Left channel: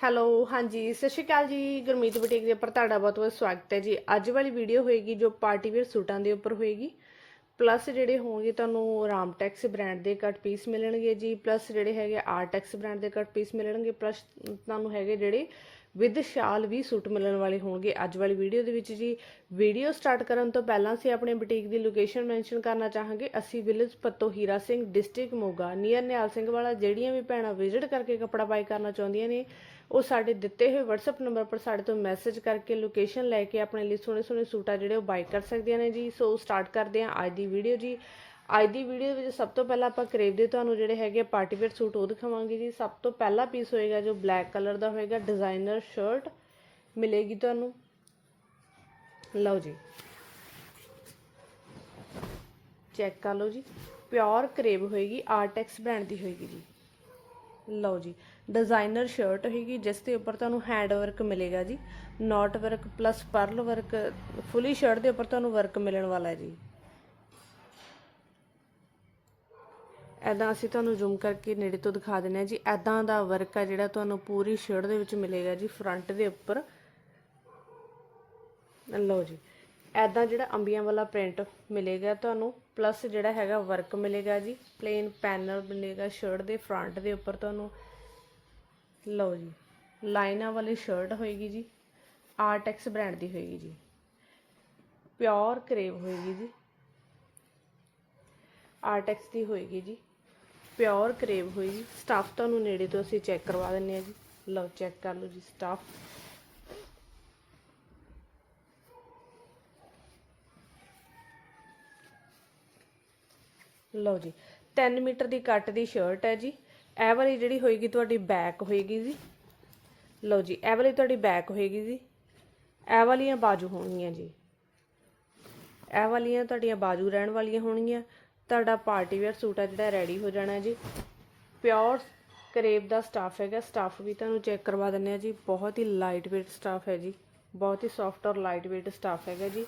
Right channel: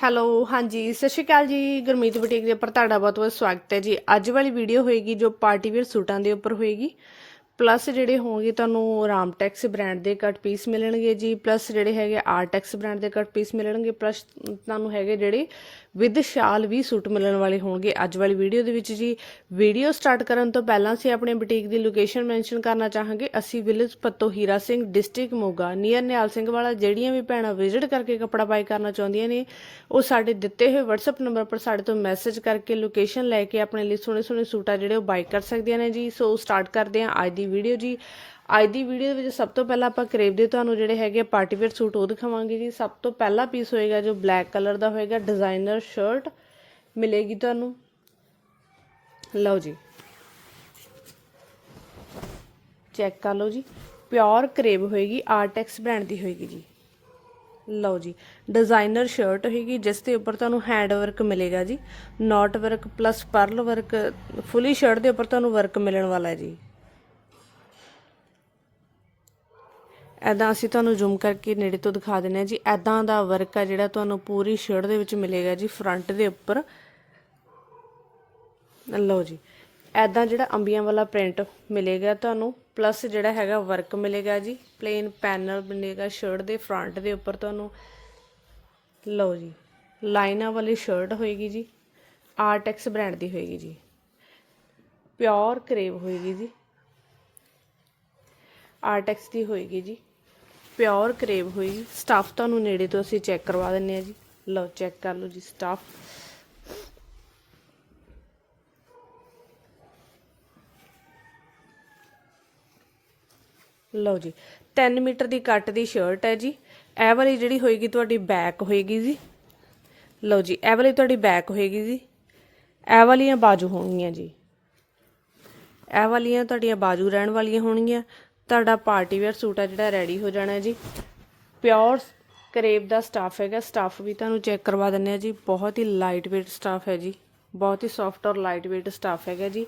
Hello, ਹਾਂਜੀ, ਸਤਿ ਸ਼੍ਰੀ ਅਕਾਲ ਜੀ, ਗੁਰਮੀਤ ਬੁਟੀਕ ਦੇ ਉੱਪਰ ਤੁਹਾਡਾ ਬਹੁਤ ਬਹੁਤ ਸਵਾਗਤ ਹੈ ਜੀ। ਅੱਜ ਵਾਲੀ ਵੀਡੀਓ ਹੋਏਗੀ ਜੋ ਪਾਰਟੀ ਵੇਅਰ ਸੂਟਾਂ ਦੇ ਉੱਪਰ ਹੋਏਗੀ। ਪਲੱਸ ਜਿਹੜੇ ਹੋਣਗੇ ਤੁਹਾਨੂੰ ਰਾਮਟੈਕਸ ਬ੍ਰਾਂਡ ਦੇ ਕੱਟ ਪੀਸ ਮਿਲਣਗੇ ਜੀ ਪਲੱਸ ਜਿਹੜੇ ਹੈਗੇ ਆਰਟੈਕਸ ਬ੍ਰਾਂਡ ਦੇ ਕੱਟ ਪੀਸ ਮਿਲਣਗੇ ਪਲੱਸ ਤੁਹਾਨੂੰ ਹੈਗੇ ਜਿਹੜੇ ਵਿਦ ਸ਼ਾਲ ਵੀ ਸੂਟ ਮਿਲਣ ਵਾਲੇ ਹੋਣਗੇ। ਅੱਜ ਵਾਲੀ ਵੀਡੀਓ ਦੇ ਵਿੱਚ ਜੀ ਵੀਡੀਓ ਸਟਾਰਟ ਕਰਨ ਤੋਂ ਪਹਿਲਾਂ ਅਸੀਂ ਆਪਣੇ ਬੁਟੀਕ ਦੀ ਲੋਕੇਸ਼ਨ ਮੈਂਸ਼ਨ ਕਰਨਾ ਚਾਹਾਂਗੇ। ਅਸੀਂ village Patto Hira Singh district Moga near Nihal Singh Wala, ਜਿਹੜੀਆਂ ਵੀ ਭੈਣਾਂ ਵਿਜ਼ਿਟ ਕਰਕੇ ਕੱਪੜਾ ਬਾਈ ਕਰਨਾ ਚਾਹੁੰਦੀਆਂ ਨੇ, ਉਹ ਸਾਡੇ ਦਿੱਤੇ ਹੋਏ WhatsApp ਨੰਬਰ ਪਰ ਸਾਡੇ ਤੋਂ ਮੈਸੇਜ ਕਰਕੇ ਲੋਕੇਸ਼ਨ ਲੈ ਕੇ ਆਪਣੇ ਲਈ ਸੋਹਣੇ ਸੋਹਣੇ ਸੂਟ ਆ ਜਿਹੜੇ ਉਹ ਬਾਈ ਕਰ ਸਕਦੀਆਂ ਨੇ ਜੀ। ਸੋ ਸਟਾਰਟ ਕਰਦੇ ਹਾਂ ਅੱਜ ਦੀ ਵੀਡੀਓ ਜੀ। ਅੱਜ ਦੀ ਵੀਡੀਓ ਦੇ ਵਿੱਚ ਸਭ ਤੋਂ ਪਹਿਲਾਂ ਆਪਾਂ ਕਰੇਬ ਦੇ ਤੁਹਾਨੂੰ ਜਿਹੜੇ ਹੈਗੇ ਪਾਰਟੀ ਵੇਅਰ ਸੂਟ ਉਹ ਦਿਖਾਵਾਂਗੇ ਜੀ। ਸਭ ਤੋਂ ਪਹਿਲਾ ਪੀਸ ਹੋਏਗਾ ਜੋ ਬਲੈਕ ਕਲਰ ਦਾ ਹੋਏਗਾ ਡਿਜ਼ਾਈਨਰ ਸ਼ਰਟ ਮਿਲੇਗੀ ਤੁਹਾਨੂੰ। ਲਓ ਜੀ। ਚੈੱਕ ਕਰ ਲਓ ਜੀ। ਪਿਓਰ ਕਰੇਬ ਹੋਏਗੀ ਆਰਟੈਕਸ ਬ੍ਰਾਂਡ ਦੀ ਹੋਏਗੀ ਜੀ। ਲਓ ਜੀ। ਡਿਜ਼ਾਈਨਰ ਸ਼ਰਟ ਹੋਏਗੀ, ਜਿਸ ਦੇ ਉੱਪਰ ਤੁਹਾਨੂੰ ਹੈਂਡ ਵਰਕ ਮਿਲੇਗਾ ਜੀ। Note work plus pearl work fully shirt ਦੇ ਉੱਪਰ ਤੁਹਾਨੂੰ ਵਰਕ ਮਿਲਣ ਵਾਲਾ ਹੈ ਜੀ। ਐਦਾਂ ਅਸੀਂ ਤੁਹਾਨੂੰ ਜ਼ੂਮ ਕਰਕੇ ਨੇੜੇ ਤੋਂ ਦਿਖਾ ਦਿੰਨੇ ਆ ਜੀ। ਐਦਾਂ ਦਾ ਵਰਕ ਆ ਜਿਹੜਾ ਤੁਹਾਨੂੰ ਪੂਰੀ ਸ਼ਰਟ ਦੇ ਵਿੱਚ ਮਿਲੇਗਾ ਜੀ ਫਰੰਟ ਦੇ ਉੱਪਰ। ਲਓ ਜੀ ਐਦਾਂ ਜਿਹੜਾ ਅੰਬੀਆਂ ਵਾਲਾ ਪ੍ਰਿੰਟ ਮਿਲੇਗਾ ਤੁਹਾਨੂੰ ਪਲੱਸ ਜਿਹੜਾ ਹੈਗਾ ਵਰਕ ਮਿਲੇਗਾ ਜੀ ਪਲੇਨ ਪੈਨਲ ਮਿਲੇਗਾ ਸ਼ਰਟ ਦੇ ਫਰੰਟ ਦੇ ਉੱਪਰ ਤੁਹਾਨੂੰ। ਲਓ ਜੀ, ਲਾਈਨਾਂ ਵਾਲੀ ਸ਼ਰਟ ਹੋਏਗੀ ਜੀ ਆਰਟੈਕਸ ਬ੍ਰਾਂਡ ਦੀ ਹੋਏਗੀ ਜੀ। ਪਿਓਰ ਕਰੇਵ ਹੋਏਗੀ ਜੀ ਆਰਟੈਕਸ ਦੀ ਹੋਏਗੀ ਜੀ। ਪਿਓਰ ਕਰੇਵ ਹੋਈ ਸਟਾਫ ਤੁਹਾਨੂੰ ਨੇੜੇ ਤੋਂ ਅਸੀਂ ਚੈੱਕ ਕਰਵਾ ਦਿੰਨੇ ਆ ਜੀ। ਲਓ, ਚੈੱਕ ਕਰ ਲਓ ਜੀ ਸਟਾਫ। ਲਓ ਜੀ 3 ਮੀਟਰ ਦੀ ਕੱਟ ਦੀ ਸ਼ਰਟ ਹੈ ਜੀ। ਇਹ ਵਾਲੀ ਜਿਹੜੀ ਹੋਏਗੀ ਤੁਹਾਡੀ ਬੈਕ ਹੋਏਗੀ ਜੀ। ਲਓ ਜੀ, ਇਹ ਵਾਲੀ ਤੁਹਾਡੀ ਬੈਕ ਹੋਏਗੀ ਜੀ। ਇਹ ਵਾਲੀਆਂ ਬਾਜੂ ਹੋਣਗੀਆਂ ਜੀ। ਇਹ ਵਾਲੀਆਂ ਤੁਹਾਡੀਆਂ ਬਾਜੂ ਰਹਿਣ ਵਾਲੀਆਂ ਹੋਣਗੀਆਂ। ਤੁਹਾਡਾ ਪਾਰਟੀ ਵੇਅਰ ਸੂਟ ਆ ਜਿਹੜਾ ਰੈਡੀ ਹੋ ਜਾਣਾ ਜੀ। ਪਿਓਰ ਕਰੇਬ ਦਾ ਸਟਾਫ ਹੈਗਾ। ਸਟਾਫ ਵੀ ਤੁਹਾਨੂੰ ਚੈੱਕ ਕਰਵਾ ਦਿੰਨੇ ਆ ਜੀ। ਬਹੁਤ ਹੀ ਲਾਈਟ weight ਸਟਾਫ ਹੈ ਜੀ। ਬਹੁਤ ਹੀ ਸੌਫਟ ਔਰ ਲਾਈਟ weight ਸਟਾਫ ਹੈਗਾ ਜੀ।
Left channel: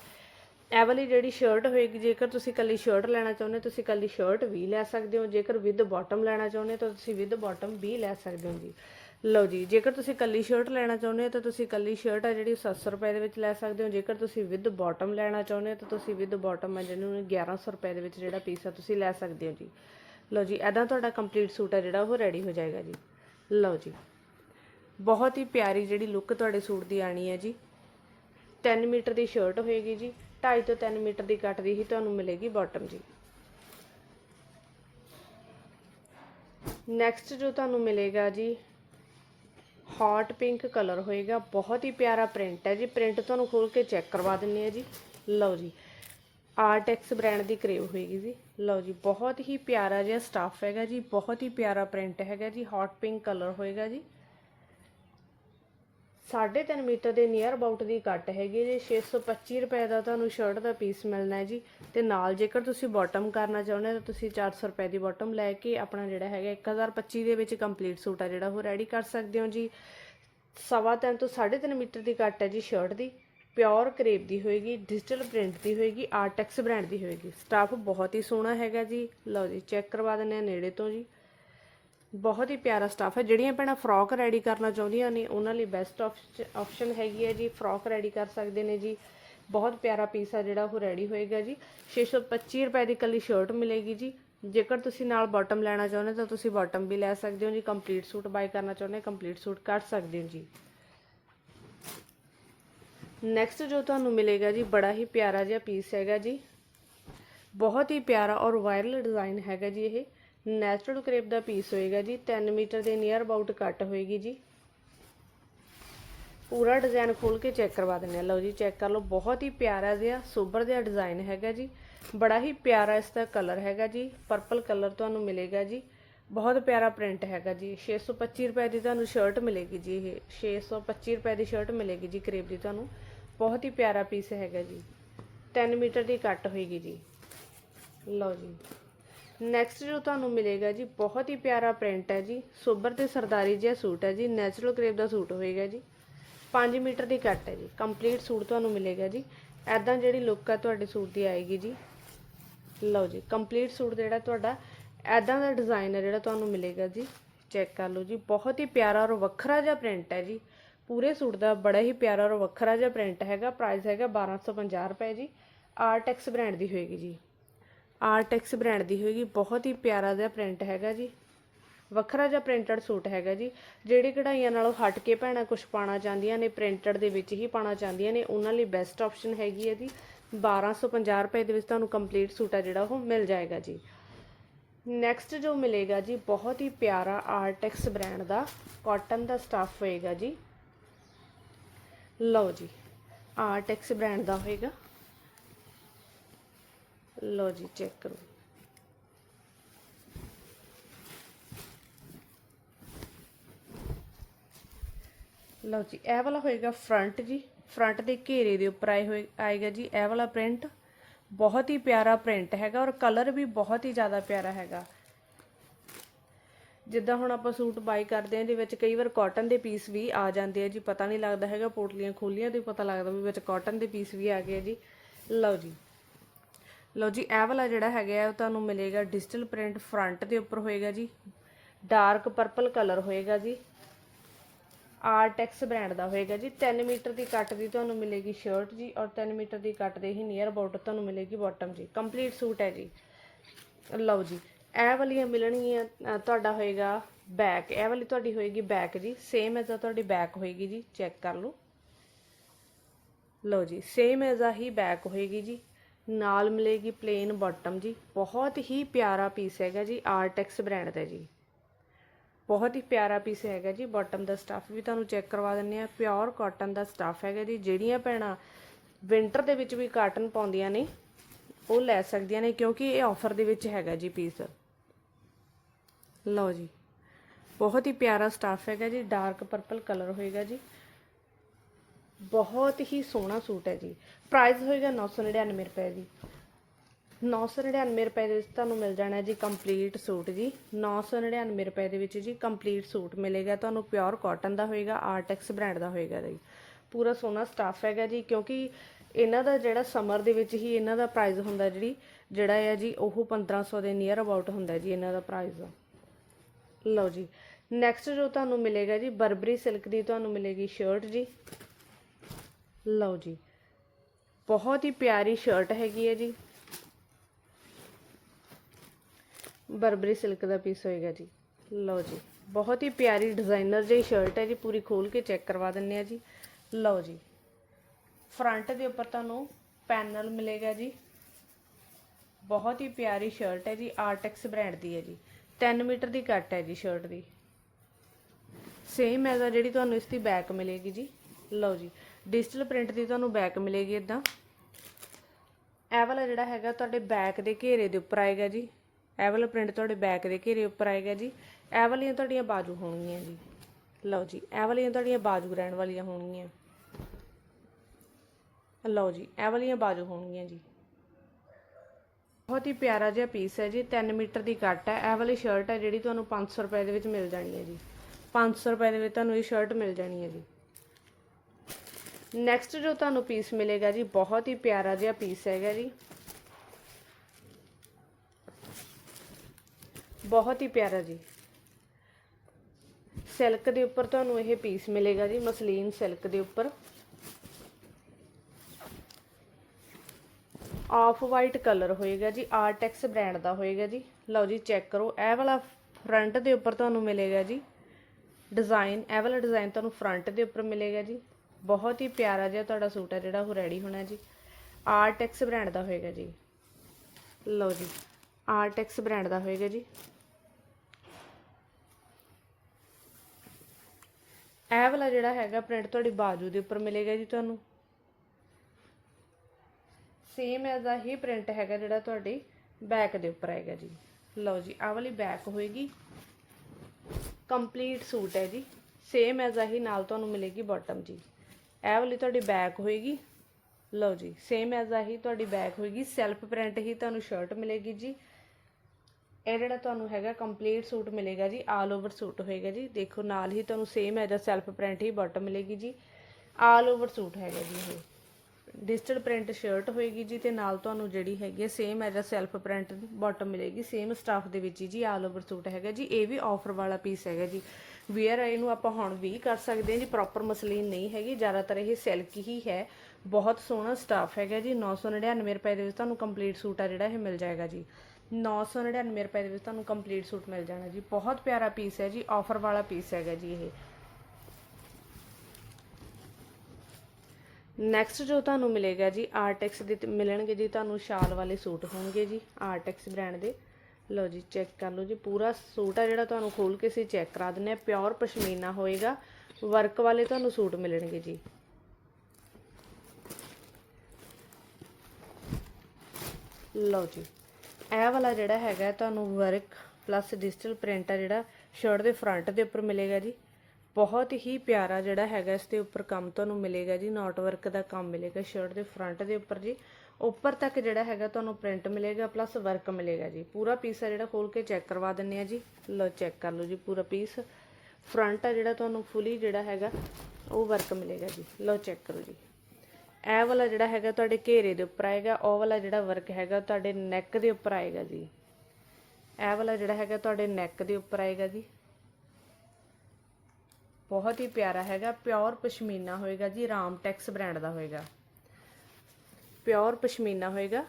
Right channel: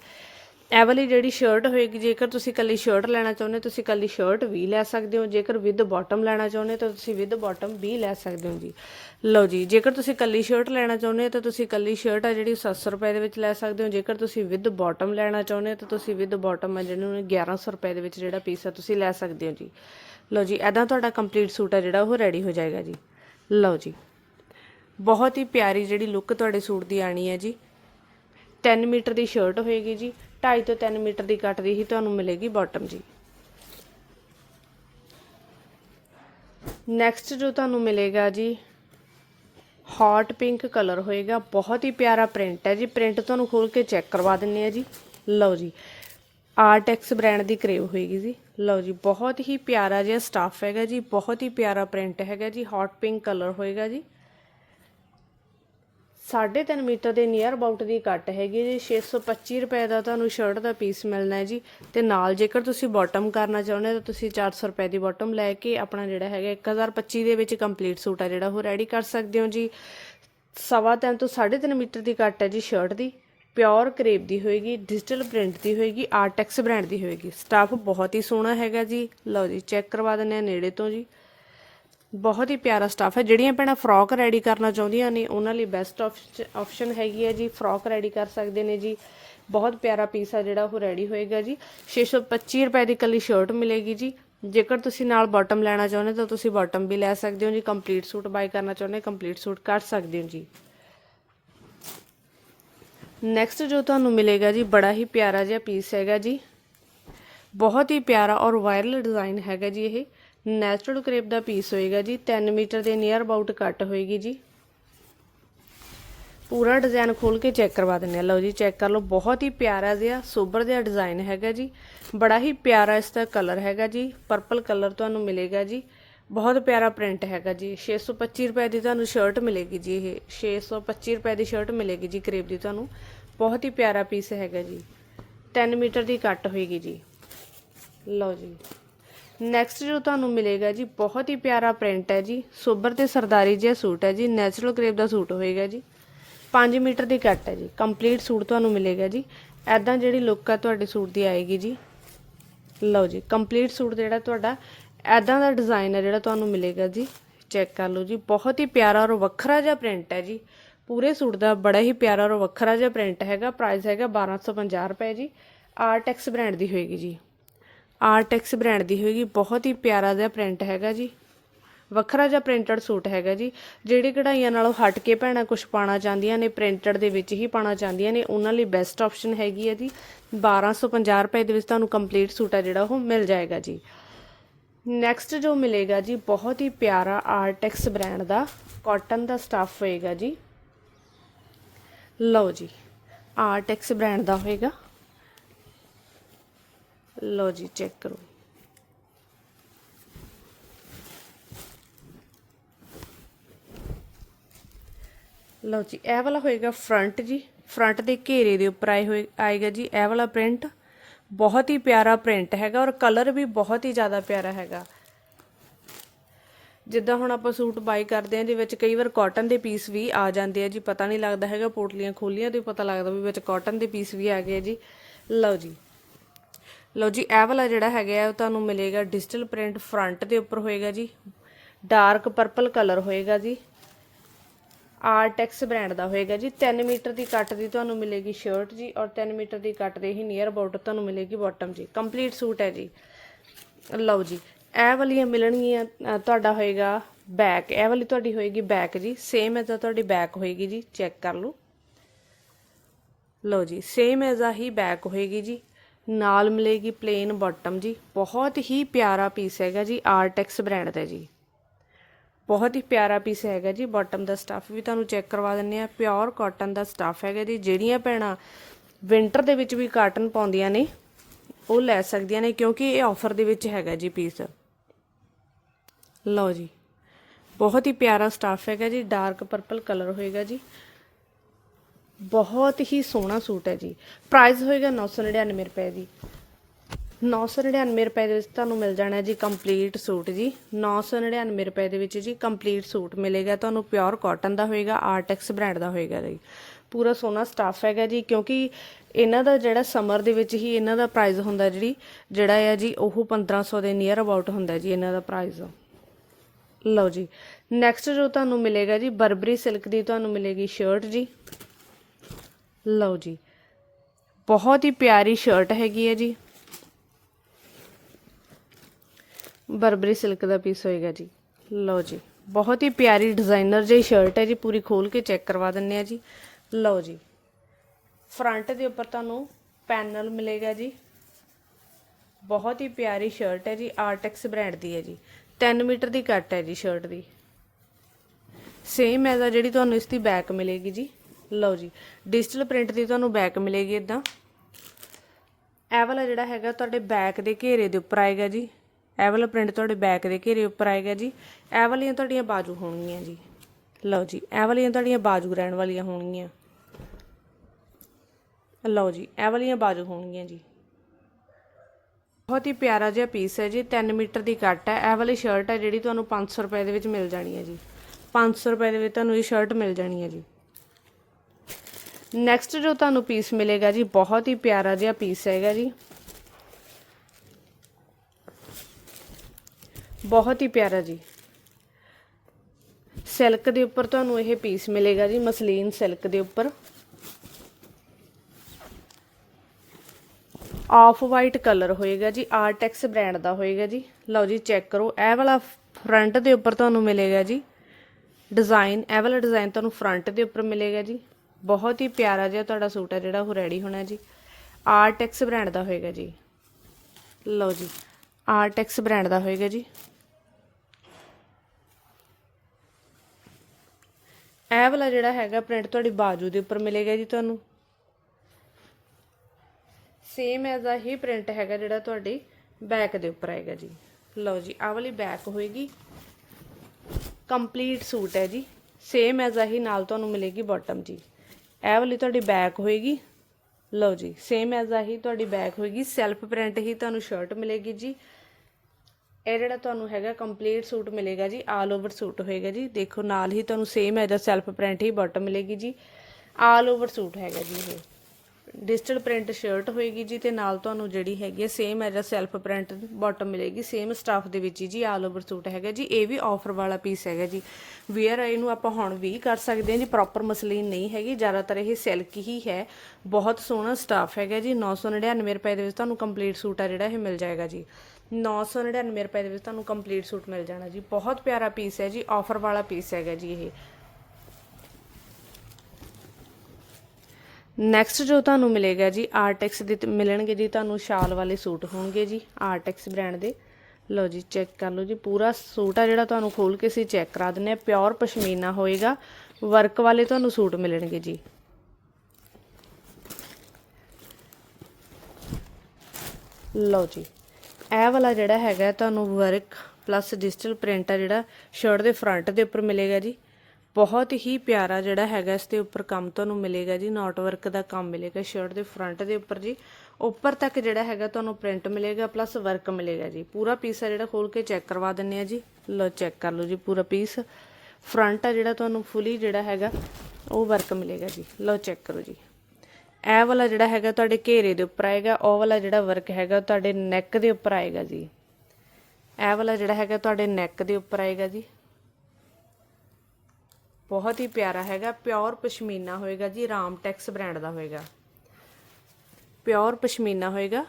ਇਹ ਵਾਲੀ ਜਿਹੜੀ ਸ਼ਰਟ ਹੋਏਗੀ, ਜੇਕਰ ਤੁਸੀਂ ਕੱਲੀ ਸ਼ਰਟ ਲੈਣਾ ਚਾਹੁੰਦੇ ਹੋ, ਤੁਸੀਂ ਕੱਲੀ ਸ਼ਰਟ ਵੀ ਲੈ ਸਕਦੇ ਹੋ। ਜੇਕਰ ਵਿਦ ਬਾਟਮ ਲੈਣਾ ਚਾਹੁੰਦੇ ਹੋ, ਤਾਂ ਤੁਸੀਂ ਵਿਦ ਬਾਟਮ ਵੀ ਲੈ ਸਕਦੇ ਹੋ ਜੀ। ਲਓ ਜੀ, ਜੇਕਰ ਤੁਸੀਂ ਕੱਲੀ ਸ਼ਰਟ ਲੈਣਾ ਚਾਹੁੰਦੇ ਹੋ, ਤਾਂ ਤੁਸੀਂ ਕੱਲੀ ਸ਼ਰਟ ਆ ਜਿਹੜੀ 700 ਰੁਪਏ ਦੇ ਵਿੱਚ ਲੈ ਸਕਦੇ ਹੋ। ਜੇਕਰ ਤੁਸੀਂ ਵਿਦ ਬਾਟਮ ਲੈਣਾ ਚਾਹੁੰਦੇ ਹੋ, ਤਾਂ ਤੁਸੀਂ ਵਿਦ ਬਾਟਮ ਹੈ ਜਿਹਨੂੰ 1100 ਰੁਪਏ ਦੇ ਵਿੱਚ ਜਿਹੜਾ ਪੀਸ ਆ, ਤੁਸੀਂ ਲੈ ਸਕਦੇ ਹੋ ਜੀ। ਲਓ ਜੀ ਐਦਾਂ ਤੁਹਾਡਾ ਕੰਪਲੀਟ ਸੂਟ ਆ ਜਿਹੜਾ, ਉਹ ਰੈਡੀ ਹੋ ਜਾਏਗਾ ਜੀ। ਲਓ ਜੀ, ਬਹੁਤ ਹੀ ਪਿਆਰੀ ਜਿਹੜੀ ਲੁੱਕ ਤੁਹਾਡੇ ਸੂਟ ਦੀ ਆਣੀ ਹੈ ਜੀ। 3 ਮੀਟਰ ਦੀ ਸ਼ਰਟ ਹੋਏਗੀ ਜੀ। 2.5 ਤੋਂ 3 ਮੀਟਰ ਦੀ ਕੱਟ ਦੀ ਹੀ ਤੁਹਾਨੂੰ ਮਿਲੇਗੀ ਬਾਟਮ ਜੀ। ਨੈਕਸਟ ਜੋ ਤੁਹਾਨੂੰ ਮਿਲੇਗਾ ਜੀ ਹੌਟ ਪਿੰਕ ਕਲਰ ਹੋਏਗਾ। ਬਹੁਤ ਹੀ ਪਿਆਰਾ ਪ੍ਰਿੰਟ ਹੈ ਜੀ। ਪ੍ਰਿੰਟ ਤੁਹਾਨੂੰ ਖੋਲ ਕੇ ਚੈੱਕ ਕਰਵਾ ਦਿੰਨੇ ਆ ਜੀ। ਲਓ ਜੀ ਆਰਟੈਕਸ ਬ੍ਰਾਂਡ ਦੀ ਕਰੇਵ ਹੋਏਗੀ ਜੀ। ਲਓ ਜੀ, ਬਹੁਤ ਹੀ ਪਿਆਰਾ ਜਿਹਾ ਸਟਾਫ ਹੈਗਾ ਜੀ। ਬਹੁਤ ਹੀ ਪਿਆਰਾ ਪ੍ਰਿੰਟ ਹੈਗਾ ਜੀ। ਹੌਟ ਪਿੰਕ ਕਲਰ ਹੋਏਗਾ ਜੀ। 3.5 ਮੀਟਰ ਦੇ ਨੀਅਰ ਅਬਾਊਟ ਦੀ ਕੱਟ ਹੈਗੀ ਜੀ। 625 ਰੁਪਏ ਦਾ ਤੁਹਾਨੂੰ ਸ਼ਰਟ ਦਾ ਪੀਸ ਮਿਲਣਾ ਹੈ ਜੀ। ਤੇ ਨਾਲ ਜੇਕਰ ਤੁਸੀਂ ਬਾਟਮ ਕਰਨਾ ਚਾਹੁੰਦੇ ਹੋ ਤਾਂ ਤੁਸੀਂ 400 ਰੁਪਏ ਦੀ ਬਾਟਮ ਲੈ ਕੇ ਆਪਣਾ ਜਿਹੜਾ ਹੈਗਾ 1025 ਦੇ ਵਿੱਚ ਕੰਪਲੀਟ ਸੂਟ ਆ ਜਿਹੜਾ, ਉਹ ਰੈਡੀ ਕਰ ਸਕਦੇ ਹੋ ਜੀ। ਸਵਾ ਤਿੰਨ ਤੋਂ 3.5 ਮੀਟਰ ਦੀ ਕੱਟ ਹੈ ਜੀ ਸ਼ਰਟ ਦੀ। ਪਿਓਰ ਕਰੇਪ ਦੀ ਹੋਏਗੀ ਡਿਜੀਟਲ ਪ੍ਰਿੰਟ ਦੀ ਹੋਏਗੀ ਆਰਟੈਕਸ ਬ੍ਰਾਂਡ ਦੀ ਹੋਏਗੀ। ਸਟਾਫ ਬਹੁਤ ਹੀ ਸੋਹਣਾ ਹੈਗਾ ਜੀ। ਲਓ ਜੀ ਚੈੱਕ ਕਰਵਾ ਦਿੰਦੇ ਆ ਨੇੜੇ ਤੋਂ ਜੀ। ਬਹੁਤ ਹੀ ਪਿਆਰਾ ਸਟਾਫ ਹੈ। ਜਿਹੜੀਆਂ ਭੈਣਾਂ ਫਰੋਕ ਰੈਡੀ ਕਰਨਾ ਚਾਹੁੰਦੀਆਂ ਨੇ, ਉਹਨਾਂ ਲਈ ਬੈਸਟ ਆਪਸ਼ਨ ਹੈਗੀ ਹੈ ਜੀ। ਫਰੋਕ ਰੈਡੀ ਕਰ ਸਕਦੇ ਨੇ ਜੀ। ਬਹੁਤ ਪਿਆਰਾ ਪੀਸ ਆ ਜਿਹੜਾ ਉਹ ਰੈਡੀ ਹੋਏਗਾ ਜੀ। 625 ਰੁਪਏ ਦੀ ਕੱਲੀ ਸ਼ਰਟ ਮਿਲੇਗੀ ਜੀ। ਜੇਕਰ ਤੁਸੀਂ ਨਾਲ ਬਾਟਮ ਲੈਣਾ ਚਾਹੁੰਦੇ ਤਾਂ ਤੁਸੀਂ ਬਾਟਮ ਵੀ ਲੈ ਸਕਦੇ ਹੋ ਜੀ। ਕੰਪਲੀਟ ਸੂਟ ਬਾਈ ਕਰਨਾ ਚਾਹੁੰਦੇ ਕੰਪਲੀਟ ਸੂਟ ਕਰ ਸਕਦੇ ਹੋ ਜੀ। ਨੈਕਸਟ ਜੋ ਤੁਹਾਨੂੰ ਮਿਲੇਗਾ ਜੀ, ਬੜਾ ਹੀ ਪਿਆਰਾ ਜਿਹਾ ਪੀਸ ਹੈਗਾ ਜੀ। ਬਹੁਤ ਹੀ ਪਿਆਰਾ ਔਰ ਵਾਇਰਲ ਡਿਜ਼ਾਈਨ ਹੈਗਾ ਜੀ ਇਹ। ਨੈਚੁਰਲ ਕਰੇਪ ਦਾ ਪੀਸ ਹੋਏਗਾ ਜੀ 3 ਮੀਟਰ ਦੇ ਨੀਅਰ ਅਬਾਊਟ ਕੱਟ ਹੋਏਗੀ ਜੀ। ਪੂਰਾ ਡਿਜ਼ਾਈਨ ਖੋਲ ਕੇ ਚੈੱਕ ਕਰਵਾ ਦਿੰਦੇ ਆ ਲਓ ਜੀ ਚੈੱਕ ਕਰ ਲਓ, ਬਹੁਤ ਹੀ ਪਿਆਰਾ ਜਿਹਾ ਸੋਬਰ ਜਿਹਾ ਡਿਜ਼ਾਈਨ ਹੈਗਾ ਜੀ। ਬੜਾ ਹੀ ਪਿਆਰਾ ਇਸ ਦਾ ਕਲਰ ਹੈਗਾ ਜੀ ਪਰਪਲ ਕਲਰ ਤੁਹਾਨੂੰ ਮਿਲੇਗਾ ਜੀ। ਬਹੁਤ ਪਿਆਰਾ ਪ੍ਰਿੰਟ ਹੈਗਾ ਜੀ। 625 ਰੁਪਏ ਦੀ ਤੁਹਾਨੂੰ ਸ਼ਰਟ ਮਿਲੇਗੀ ਜੀ ਇਹ। 625 ਰੁਪਏ ਦੀ ਸ਼ਰਟ ਮਿਲੇਗੀ ਜੀ ਕਰੇਪ ਦੀ ਤੁਹਾਨੂੰ। ਬਹੁਤ ਹੀ ਪਿਆਰਾ ਪੀਸ ਹੈਗਾ ਜੀ। 3 ਮੀਟਰ ਦੀ ਕੱਟ ਹੋਏਗੀ ਜੀ। ਲਓ ਜੀ। ਨੈਕਸਟ ਜੋ ਤੁਹਾਨੂੰ ਮਿਲੇਗਾ ਜੀ, ਬਹੁਤ ਹੀ ਪਿਆਰਾ ਪ੍ਰਿੰਟ ਹੈ ਜੀ। ਸੋਬਰ ਤੇ ਸਰਦਾਰੀ ਜਿਹਾ ਸੂਟ ਹੈ ਜੀ। ਨੈਚੁਰਲ ਕਰੇਪ ਦਾ ਸੂਟ ਹੋਏਗਾ ਜੀ। 5 ਮੀਟਰ ਦੀ ਕੱਟ ਹੈ ਜੀ। ਕੰਪਲੀਟ ਸੂਟ ਤੁਹਾਨੂੰ ਮਿਲੇਗਾ ਜੀ। ਐਦਾਂ ਜਿਹੜੀ ਲੁੱਕ ਆ ਤੁਹਾਡੇ ਸੂਟ ਦੀ ਆਏਗੀ ਜੀ। ਲਓ ਜੀ ਕੰਪਲੀਟ ਸੂਟ ਜਿਹੜਾ ਤੁਹਾਡਾ ਐਦਾਂ ਦਾ ਡਿਜ਼ਾਈਨ ਹੈ ਜਿਹੜਾ ਤੁਹਾਨੂੰ ਮਿਲੇਗਾ ਜੀ। ਚੈੱਕ ਕਰ ਲਓ ਜੀ। ਬਹੁਤ ਹੀ ਪਿਆਰਾ ਔਰ ਵੱਖਰਾ ਜਿਹਾ ਪ੍ਰਿੰਟ ਹੈ ਜੀ। ਪੂਰੇ ਸੂਟ ਦਾ ਬੜਾ ਹੀ ਪਿਆਰਾ ਔਰ ਵੱਖਰਾ ਜਿਹਾ ਪ੍ਰਿੰਟ ਹੈਗਾ। ਪ੍ਰਾਈਸ ਹੈਗਾ 1250 ਰੁਪਏ ਜੀ। ਆਰਟੈਕਸ ਬ੍ਰਾਂਡ ਦੀ ਹੋਏਗੀ ਜੀ। ਆਰਟੈਕਸ ਬ੍ਰਾਂਡ ਦੀ ਹੋਏਗੀ। ਬਹੁਤ ਹੀ ਪਿਆਰਾ ਜਿਹਾ ਪ੍ਰਿੰਟ ਹੈਗਾ ਜੀ। ਵੱਖਰਾ ਜਿਹਾ ਪ੍ਰਿੰਟਡ ਸੂਟ ਹੈਗਾ ਜੀ। ਜਿਹੜੀ ਕਢਾਈਆਂ ਨਾਲੋਂ ਹਟ ਕੇ ਭੈਣਾਂ ਕੁਝ ਪਾਣਾ ਚਾਹੁੰਦੀਆਂ ਨੇ, ਪ੍ਰਿੰਟਡ ਦੇ ਵਿੱਚ ਹੀ ਪਾਣਾ ਚਾਹੁੰਦੀਆਂ ਨੇ, ਉਹਨਾਂ ਲਈ ਬੈਸਟ ਆਪਸ਼ਨ ਹੈਗੀ ਹੈ ਜੀ। 1250 ਰੁਪਏ ਦੇ ਵਿੱਚ ਤੁਹਾਨੂੰ ਕੰਪਲੀਟ ਸੂਟ ਆ ਜਿਹੜਾ ਉਹ ਮਿਲ ਜਾਏਗਾ ਜੀ। ਨੈਕਸਟ ਜੋ ਮਿਲੇਗਾ ਜੀ, ਬਹੁਤ ਹੀ ਪਿਆਰਾ ਆਰਟੈਕਸ ਬ੍ਰਾਂਡ ਦਾ ਕਾਟਨ ਦਾ ਸਟਫ ਹੋਏਗਾ ਜੀ। ਲਓ ਜੀ, ਆਰਟੈਕਸ ਬ੍ਰਾਂਡ ਦਾ ਹੋਏਗਾ। ਲਓ ਜੀ ਚੈੱਕ ਕਰੋ। ਲਓ ਜੀ, ਇਹ ਵਾਲਾ ਹੋਏਗਾ ਫਰੰਟ ਜੀ। ਫਰੰਟ ਦੇ ਘੇਰੇ ਦੇ ਉੱਪਰ ਆਏ ਹੋਏ, ਆਏਗਾ ਜੀ, ਇਹ ਵਾਲਾ ਪ੍ਰਿੰਟ ਬਹੁਤ ਹੀ ਪਿਆਰਾ ਪ੍ਰਿੰਟ ਹੈਗਾ ਔਰ ਕਲਰ ਵੀ ਬਹੁਤ ਹੀ ਜ਼ਿਆਦਾ ਪਿਆਰਾ ਹੈਗਾ। ਜਿੱਦਾਂ ਹੁਣ ਆਪਾਂ ਸੂਟ ਬਾਈ ਕਰਦੇ ਆਂ ਦੇ ਵਿੱਚ ਕਈ ਵਾਰ ਕਾਟਨ ਦੇ ਪੀਸ ਵੀ ਆ ਜਾਂਦੇ ਆ ਜੀ, ਪਤਾ ਨਹੀਂ ਲੱਗਦਾ ਹੈਗਾ, ਪੋਟਲੀਆਂ ਖੋਲੀਆਂ ਤੇ ਪਤਾ ਲੱਗਦਾ ਵੀ ਵਿੱਚ ਕਾਟਨ ਦੇ ਪੀਸ ਵੀ ਆ ਗਏ ਜੀ। ਲਓ ਜੀ ਲਓ ਜੀ, ਇਹ ਵਾਲਾ ਜਿਹੜਾ ਹੈਗਾ ਉਹ ਤੁਹਾਨੂੰ ਮਿਲੇਗਾ ਡਿਜੀਟਲ ਪ੍ਰਿੰਟ ਫਰੰਟ ਦੇ ਉੱਪਰ ਹੋਏਗਾ ਜੀ। ਡਾਰਕ ਪਰਪਲ ਕਲਰ ਹੋਏਗਾ ਜੀ। ਆਰਟੈਕਸ ਬ੍ਰਾਂਡ ਦਾ ਹੋਏਗਾ ਜੀ। 3 ਮੀਟਰ ਦੀ ਕੱਟ ਦੀ ਤੁਹਾਨੂੰ ਮਿਲੇਗੀ ਸ਼ਰਟ ਜੀ ਔਰ 3 ਮੀਟਰ ਦੀ ਕੱਟ ਦੇ ਹੀ ਨੀਅਰ ਅਬਾਊਟ ਤੁਹਾਨੂੰ ਮਿਲੇਗੀ ਬਾਟਮ ਜੀ। ਕੰਪਲੀਟ ਸੂਟ ਹੈ ਜੀ। ਲਓ ਜੀ, ਇਹ ਵਾਲੀਆਂ ਮਿਲਣਗੀਆਂ ਤੁਹਾਡਾ ਹੋਏਗਾ ਬੈਕ ਇਹ ਵਾਲੀ ਤੁਹਾਡੀ ਹੋਏਗੀ ਬੈਕ ਜੀ। ਸੇਮ ਐਜ਼ ਤੁਹਾਡੀ ਬੈਕ ਹੋਏਗੀ ਜੀ। ਚੈੱਕ ਕਰ ਲਓ। ਲਓ ਜੀ ਸੇਮ ਐਜ਼ ਆ ਹੀ ਬੈਕ ਹੋਏਗੀ ਜੀ। ਨਾਲ ਮਿਲੇਗੀ ਪਲੇਨ ਬਾਟਮ ਜੀ। ਬਹੁਤ ਹੀ ਪਿਆਰਾ ਪੀਸ ਹੈਗਾ ਜੀ ਆਰਟੈਕਸ ਬ੍ਰਾਂਡ ਦਾ ਜੀ। ਬਹੁਤ ਹੀ ਪਿਆਰਾ ਪੀਸ ਹੈਗਾ ਜੀ ਬਾਟਮ ਦਾ ਸਟੱਫ ਵੀ ਤੁਹਾਨੂੰ ਚੈੱਕ ਕਰਵਾ ਦਿੰਨੇ ਆ ਪਿਓਰ ਕਾਟਨ ਦਾ ਸਟੱਫ ਹੈਗਾ ਜੀ, ਜਿਹੜੀਆਂ ਭੈਣਾਂ ਵਿੰਟਰ ਦੇ ਵਿੱਚ ਵੀ ਕਾਟਨ ਪਾਉਂਦੀਆਂ ਨੇ, ਉਹ ਲੈ ਸਕਦੀਆਂ ਨੇ ਕਿਉਂਕਿ ਇਹ ਆਫਰ ਦੇ ਵਿੱਚ ਹੈਗਾ ਜੀ ਪੀਸ ਲਓ ਜੀ, ਬਹੁਤ ਹੀ ਪਿਆਰਾ ਸਟੱਫ ਹੈਗਾ ਜੀ ਡਾਰਕ ਪਰਪਲ ਕਲਰ ਹੋਏਗਾ ਜੀ। ਬਹੁਤ ਹੀ ਸੋਹਣਾ ਸੂਟ ਹੈ ਜੀ। ਪ੍ਰਾਈਸ ਹੋਏਗਾ 999 ਰੁਪਏ ਦੀ। 999 ਰੁਪਏ ਦੇ ਵਿੱਚ ਤੁਹਾਨੂੰ ਮਿਲ ਜਾਣਾ ਜੀ ਕੰਪਲੀਟ ਸੂਟ ਜੀ। 999 ਰੁਪਏ ਦੇ ਵਿੱਚ ਜੀ ਕੰਪਲੀਟ ਸੂਟ ਮਿਲੇਗਾ ਤੁਹਾਨੂੰ ਪਿਓਰ ਕਾਟਨ ਦਾ ਹੋਏਗਾ ਆਰਟੈਕਸ ਬ੍ਰਾਂਡ ਦਾ ਹੋਏਗਾ ਜੀ। ਪੂਰਾ ਸੋਹਣਾ ਸਟਾਫ ਹੈਗਾ ਜੀ, ਕਿਉਂਕਿ ਇਹਨਾਂ ਦਾ ਜਿਹੜਾ ਸਮਰ ਦੇ ਵਿੱਚ ਹੀ ਇਹਨਾਂ ਦਾ ਪ੍ਰਾਈਸ ਹੁੰਦਾ ਜਿਹੜੀ, ਜਿਹੜਾ ਹੈ ਜੀ, ਉਹ 1500 ਦੇ ਨੀਅਰ ਅਬਾਊਟ ਹੁੰਦਾ ਜੀ ਇਹਨਾਂ ਦਾ ਪ੍ਰਾਈਸ ਲਓ ਜੀ। ਨੈਕਸਟ ਜੋ ਤੁਹਾਨੂੰ ਮਿਲੇਗਾ ਜੀ ਬਰਬਰੀ ਸਿਲਕ ਦੀ ਤੁਹਾਨੂੰ ਮਿਲੇਗੀ ਸ਼ਰਟ ਜੀ। ਲਓ ਜੀ। ਬਹੁਤ ਹੀ ਪਿਆਰੀ ਸ਼ਰਟ ਹੈਗੀ ਹੈ ਜੀ। ਬਰਬਰੀ ਸਿਲਕ ਦਾ ਪੀਸ ਹੋਏਗਾ ਜੀ। ਲਓ ਜੀ, ਬਹੁਤ ਹੀ ਪਿਆਰੀ ਡਿਜ਼ਾਈਨਰ ਜਿਹੀ ਸ਼ਰਟ ਹੈ ਜੀ। ਪੂਰੀ ਖੋਲ ਕੇ ਚੈੱਕ ਕਰਵਾ ਦਿੰਨੇ ਆ ਜੀ। ਲਓ ਜੀ ਫਰੰਟ ਦੇ ਉੱਪਰ ਤੁਹਾਨੂੰ ਪੈਨਲ ਮਿਲੇਗਾ ਜੀ। ਬਹੁਤ ਹੀ ਪਿਆਰੀ ਸ਼ਰਟ ਹੈ ਜੀ। ਆਰਟੈਕਸ ਬ੍ਰਾਂਡ ਦੀ ਹੈ ਜੀ। 3 ਮੀਟਰ ਦੀ ਕੱਟ ਹੈ ਜੀ ਸ਼ਰਟ ਦੀ। ਸੇਮ ਹੈਗਾ ਜਿਹੜੀ ਤੁਹਾਨੂੰ ਇਸ ਦੀ ਬੈਕ ਮਿਲੇਗੀ ਜੀ। ਲਓ ਜੀ ਡਿਜੀਟਲ ਪ੍ਰਿੰਟ ਦੀ ਤੁਹਾਨੂੰ ਬੈਕ ਮਿਲੇਗੀ ਇਦਾਂ ਇਹ ਵਾਲਾ ਜਿਹੜਾ ਹੈਗਾ ਤੁਹਾਡੇ ਬੈਕ ਦੇ ਘੇਰੇ ਦੇ ਉੱਪਰ ਆਏਗਾ ਜੀ। ਇਹ ਵਾਲਾ ਪ੍ਰਿੰਟ ਤੁਹਾਡੇ ਬੈਕ ਦੇ ਘੇਰੇ ਉੱਪਰ ਆਏਗਾ ਜੀ। ਇਹ ਵਾਲੀਆਂ ਤੁਹਾਡੀਆਂ ਬਾਜੂ ਹੋਣਗੀਆਂ ਜੀ। ਲਓ ਜੀ, ਇਹ ਵਾਲੀਆਂ ਤੁਹਾਡੀਆਂ ਬਾਜੂ ਰਹਿਣ ਵਾਲੀਆਂ ਹੋਣਗੀਆਂ। ਲਓ ਜੀ, ਇਹ ਵਾਲੀਆਂ ਬਾਜੂ ਹੋਣਗੀਆਂ ਜੀ। ਬਹੁਤ ਹੀ ਪਿਆਰਾ ਜਿਹਾ ਪੀਸ ਹੈ ਜੀ 3 ਮੀਟਰ ਦੀ ਕੱਟ ਹੈ। ਇਹ ਵਾਲੀ ਸ਼ਰਟ ਹੈ ਜਿਹੜੀ ਤੁਹਾਨੂੰ 500 ਰੁਪਏ ਦੇ ਵਿੱਚ ਮਿਲ ਜਾਣੀ ਹੈ ਜੀ। 500 ਰੁਪਏ ਦੇ ਵਿੱਚ ਤੁਹਾਨੂੰ ਇਹ ਸ਼ਰਟ ਮਿਲ ਜਾਣੀ ਹੈ ਜੀ। ਨੈਕਸਟ ਜੋ ਤੁਹਾਨੂੰ ਪੀਸ ਮਿਲੇਗਾ ਜੀ, ਬਹੁਤ ਹੀ ਪਿਆਰਾ ਜਿਹਾ ਪੀਸ ਹੈਗਾ ਜੀ। ਬਹੁਤ ਹੀ ਪਿਆਰਾ ਜੀ। ਸਿਲਕ ਦੇ ਉੱਪਰ ਤੁਹਾਨੂੰ ਇਹ ਪੀਸ ਮਿਲੇਗਾ ਜੀ, ਮਸਲੀਨ ਸਿਲਕ ਦੇ ਉੱਪਰ। ਆਫ ਵਾਈਟ ਕਲਰ ਹੋਏਗਾ ਜੀ ਆਰਟੈਕਸ ਬ੍ਰਾਂਡ ਦਾ ਹੋਏਗਾ ਜੀ। ਲਓ ਜੀ ਚੈੱਕ ਕਰੋ। ਇਹ ਵਾਲਾ ਫਰੰਟ ਦੇ ਉੱਪਰ ਤੁਹਾਨੂੰ ਮਿਲੇਗਾ ਜੀ। ਡਿਜ਼ਾਈਨ ਇਹ ਵਾਲਾ ਡਿਜ਼ਾਈਨ ਤੁਹਾਨੂੰ ਫਰੰਟ ਦੇ ਉੱਪਰ ਮਿਲੇਗਾ ਜੀ। ਬਹੁਤ ਹੀ ਪਿਆਰਾ ਜਿਹਾ ਤੁਹਾਡਾ ਸੂਟ ਹੈ ਜਿਹੜਾ ਉਹ ਰੈਡੀ ਹੋਣਾ ਜੀ। ਆਰਟੈਕਸ ਬ੍ਰਾਂਡ ਦਾ ਹੋਏਗਾ ਜੀ। ਲਓ ਜੀ ਆਰਟੈਕਸ ਬ੍ਰਾਂਡ ਦਾ ਹੋਏਗਾ ਜੀ। ਇਹ ਵਾਲਾ ਜਿਹੜਾ ਹੈਗਾ ਪ੍ਰਿੰਟ ਤੁਹਾਡੀ ਬਾਜੂ ਦੇ ਉੱਪਰ ਮਿਲੇਗਾ ਜੀ ਤੁਹਾਨੂੰ। ਸੇਮ ਐਜ਼ ਆ ਹੀ ਪ੍ਰਿੰਟ ਹੈਗਾ ਜਿਹੜਾ ਤੁਹਾਡੀ ਬੈਕ ਦੇ ਉੱਪਰ ਆਏਗਾ ਜੀ। ਲਓ ਜੀ, ਆਹ ਵਾਲੀ ਬੈਕ ਹੋਏਗੀ। ਕੰਪਲੀਟ ਸੂਟ ਹੈ ਜੀ। ਸੇਮ ਐਜ਼ ਆ ਹੀ ਨਾਲ ਤੁਹਾਨੂੰ ਮਿਲੇਗੀ ਬਾਟਮ ਜੀ। ਇਹ ਵਾਲੀ ਤੁਹਾਡੀ ਬੈਕ ਹੋਏਗੀ। ਲਓ ਜੀ ਸੇਮ ਐਜ਼ ਆ ਹੀ ਤੁਹਾਡੀ ਬੈਕ ਹੋਏਗੀ। ਸੈਲਫ ਪ੍ਰਿੰਟ ਹੀ ਤੁਹਾਨੂੰ ਸ਼ਰਟ ਮਿਲੇਗੀ ਜੀ। ਇਹ ਜਿਹੜਾ ਤੁਹਾਨੂੰ ਹੈਗਾ ਕੰਪਲੀਟ ਸੂਟ ਮਿਲੇਗਾ ਜੀ ਆਲ ਓਵਰ ਸੂਟ ਹੋਏਗਾ ਜੀ। ਦੇਖੋ, ਨਾਲ ਹੀ ਤੁਹਾਨੂੰ same as a self print he bottom ਮਿਲੇਗੀ ਜੀ। ਆਲ ਓਵਰ ਸੂਟ ਹੈਗਾ ਜੀ ਇਹ। ਡਿਜੀਟਲ ਪ੍ਰਿੰਟ ਸ਼ਰਟ ਹੋਏਗੀ ਜੀ ਤੇ ਨਾਲ ਤੁਹਾਨੂੰ ਜਿਹੜੀ ਹੈਗੀ ਹੈ same as a self print bottom ਮਿਲੇਗੀ ਸੇਮ ਸਟਾਫ ਦੇ ਵਿੱਚ ਹੀ ਜੀ ਆਲ ਓਵਰ ਸੂਟ ਹੈਗਾ ਜੀ, ਇਹ ਵੀ ਆਫਰ ਵਾਲਾ ਪੀਸ ਹੈਗਾ ਜੀ। ਵੇਅਰ ਇਹਨੂੰ ਆਪਾਂ ਹੁਣ ਵੀ ਕਰ ਸਕਦੇ ਹਾਂ ਜੀ ਪ੍ਰੋਪਰ ਮਸਲੀਨ ਨਹੀਂ ਹੈਗੀ, ਜ਼ਿਆਦਾਤਰ ਇਹ ਸਿਲਕ ਹੀ ਹੈ। ਬਹੁਤ ਸੋਹਣਾ ਸਟਾਫ ਹੈਗਾ ਜੀ 999 ਰੁਪਏ ਦੇ ਵਿੱਚ ਤੁਹਾਨੂੰ ਕੰਪਲੀਟ ਸੂਟ ਆ ਜਿਹੜਾ, ਇਹ ਮਿਲ ਜਾਏਗਾ ਜੀ। 999 ਰੁਪਏ ਦੇ ਵਿੱਚ ਤੁਹਾਨੂੰ ਕੰਪਲੀਟ ਸੂਟ ਮਿਲ ਜਾਣਾ ਜੀ। ਬਹੁਤ ਪਿਆਰਾ ਪੀਸ ਹੈ ਜੀ ਆਫਰ ਵਾਲਾ ਪੀਸ ਹੈਗਾ ਜੀ ਇਹ। ਨੈਕਸਟ ਜੋ ਤੁਹਾਨੂੰ ਮਿਲੇਗਾ ਜੀ ਆਰਟੈਕਸ ਦੇ ਮਿਲਣਗੇ ਜੀ ਤੁਹਾਨੂੰ ਸ਼ਾਲ ਵਾਲੇ ਸੂਟ ਹੋਣਗੇ ਜੀ ਆਰਟੈਕਸ ਬ੍ਰਾਂਡ ਦੇ। ਲਓ ਜੀ ਚੈੱਕ ਕਰ ਲਓ ਜੀ, ਪੂਰਾ ਸੂਟ ਆ ਜਿਹੜਾ ਤੁਹਾਨੂੰ ਖੋਲ ਕੇ ਅਸੀਂ ਚੈੱਕ ਕਰਾ ਦਿੰਨੇ ਆ ਪਿਓਰ ਪਸ਼ਮੀਨਾ ਹੋਏਗਾ ਵਰਕ ਵਾਲੇ ਤੁਹਾਨੂੰ ਸੂਟ ਮਿਲਣਗੇ ਜੀ। ਲਓ ਜੀ, ਇਹ ਵਾਲਾ ਜਿਹੜਾ ਹੈਗਾ ਤੁਹਾਨੂੰ ਵਰਕ ਪਲੱਸ ਡਿਜੀਟਲ ਪ੍ਰਿੰਟ ਆ ਜਿਹੜਾ ਸ਼ਰਟ ਦੇ ਫਰੰਟ ਦੇ ਉੱਪਰ ਮਿਲੇਗਾ ਜੀ। ਬਹੁਤ ਹੀ ਪਿਆਰਾ ਜਿਹੜਾ ਹੈਗਾ ਇਸ ਦੇ ਉੱਪਰ ਕੰਮ ਤੁਹਾਨੂੰ ਮਿਲੇਗਾ ਜੀ ਨੋਟ ਵਰਕ ਦਾ ਕੰਮ ਮਿਲੇਗਾ ਸ਼ਰਟ ਦੇ ਫਰੰਟ ਦੇ ਉੱਪਰ ਜੀ। ਉੱਪਰ ਤੱਕ ਜਿਹੜਾ ਹੈਗਾ ਤੁਹਾਨੂੰ ਪ੍ਰਿੰਟ ਮਿਲੇਗਾ ਪਲੱਸ ਵਰਕ ਮਿਲੇਗਾ ਜੀ। ਪੂਰਾ ਪੀਸ ਆ ਜਿਹੜਾ ਖੋਲ ਕੇ ਚੈੱਕ ਕਰਵਾ ਦਿੰਨੇ ਆ ਜੀ। ਲਓ ਚੈੱਕ ਕਰ ਲਓ ਜੀ ਪੂਰਾ ਪੀਸ ਫਰੰਟ ਆ ਜਿਹੜਾ ਤੁਹਾਨੂੰ ਫੁੱਲੀ ਜਿਹੜਾ ਹੈਗਾ, ਉਹ ਵਰਕ ਮਿਲੇਗਾ ਜੀ। ਲਓ ਚੈੱਕ ਕਰੋ ਜੀ। ਇਹ ਵਾਲਾ ਜਿਹੜਾ ਹੈਗਾ ਤੁਹਾਡੇ ਘੇਰੇ ਦੇ ਉੱਪਰ ਆਏਗਾ, ਉਹ ਵਾਲਾ ਜਿਹੜਾ ਵਰਕ ਹੈਗਾ ਉਹ ਤੁਹਾਡੇ ਨੈਕ ਦੇ ਉੱਪਰ ਆਏਗਾ ਜੀ। ਇਹ ਵਾਲਾ ਜਿਹੜਾ ਹੈਗਾ ਤੁਹਾਡੇ ਨੈਕ ਦੇ ਉੱਪਰ ਆਏਗਾ ਜੀ। ਬਹੁਤ ਹੀ ਪਿਆਰਾ ਹੈਗਾ, ਪਿਓਰ ਪਸ਼ਮੀਨਾ ਹੋਏਗਾ ਜੀ ਰਾਮਟੈਕਸ ਬ੍ਰਾਂਡ ਦਾ ਹੋਏਗਾ। ਪਿਓਰ ਪਸ਼ਮੀਨਾ ਹੋਏਗਾ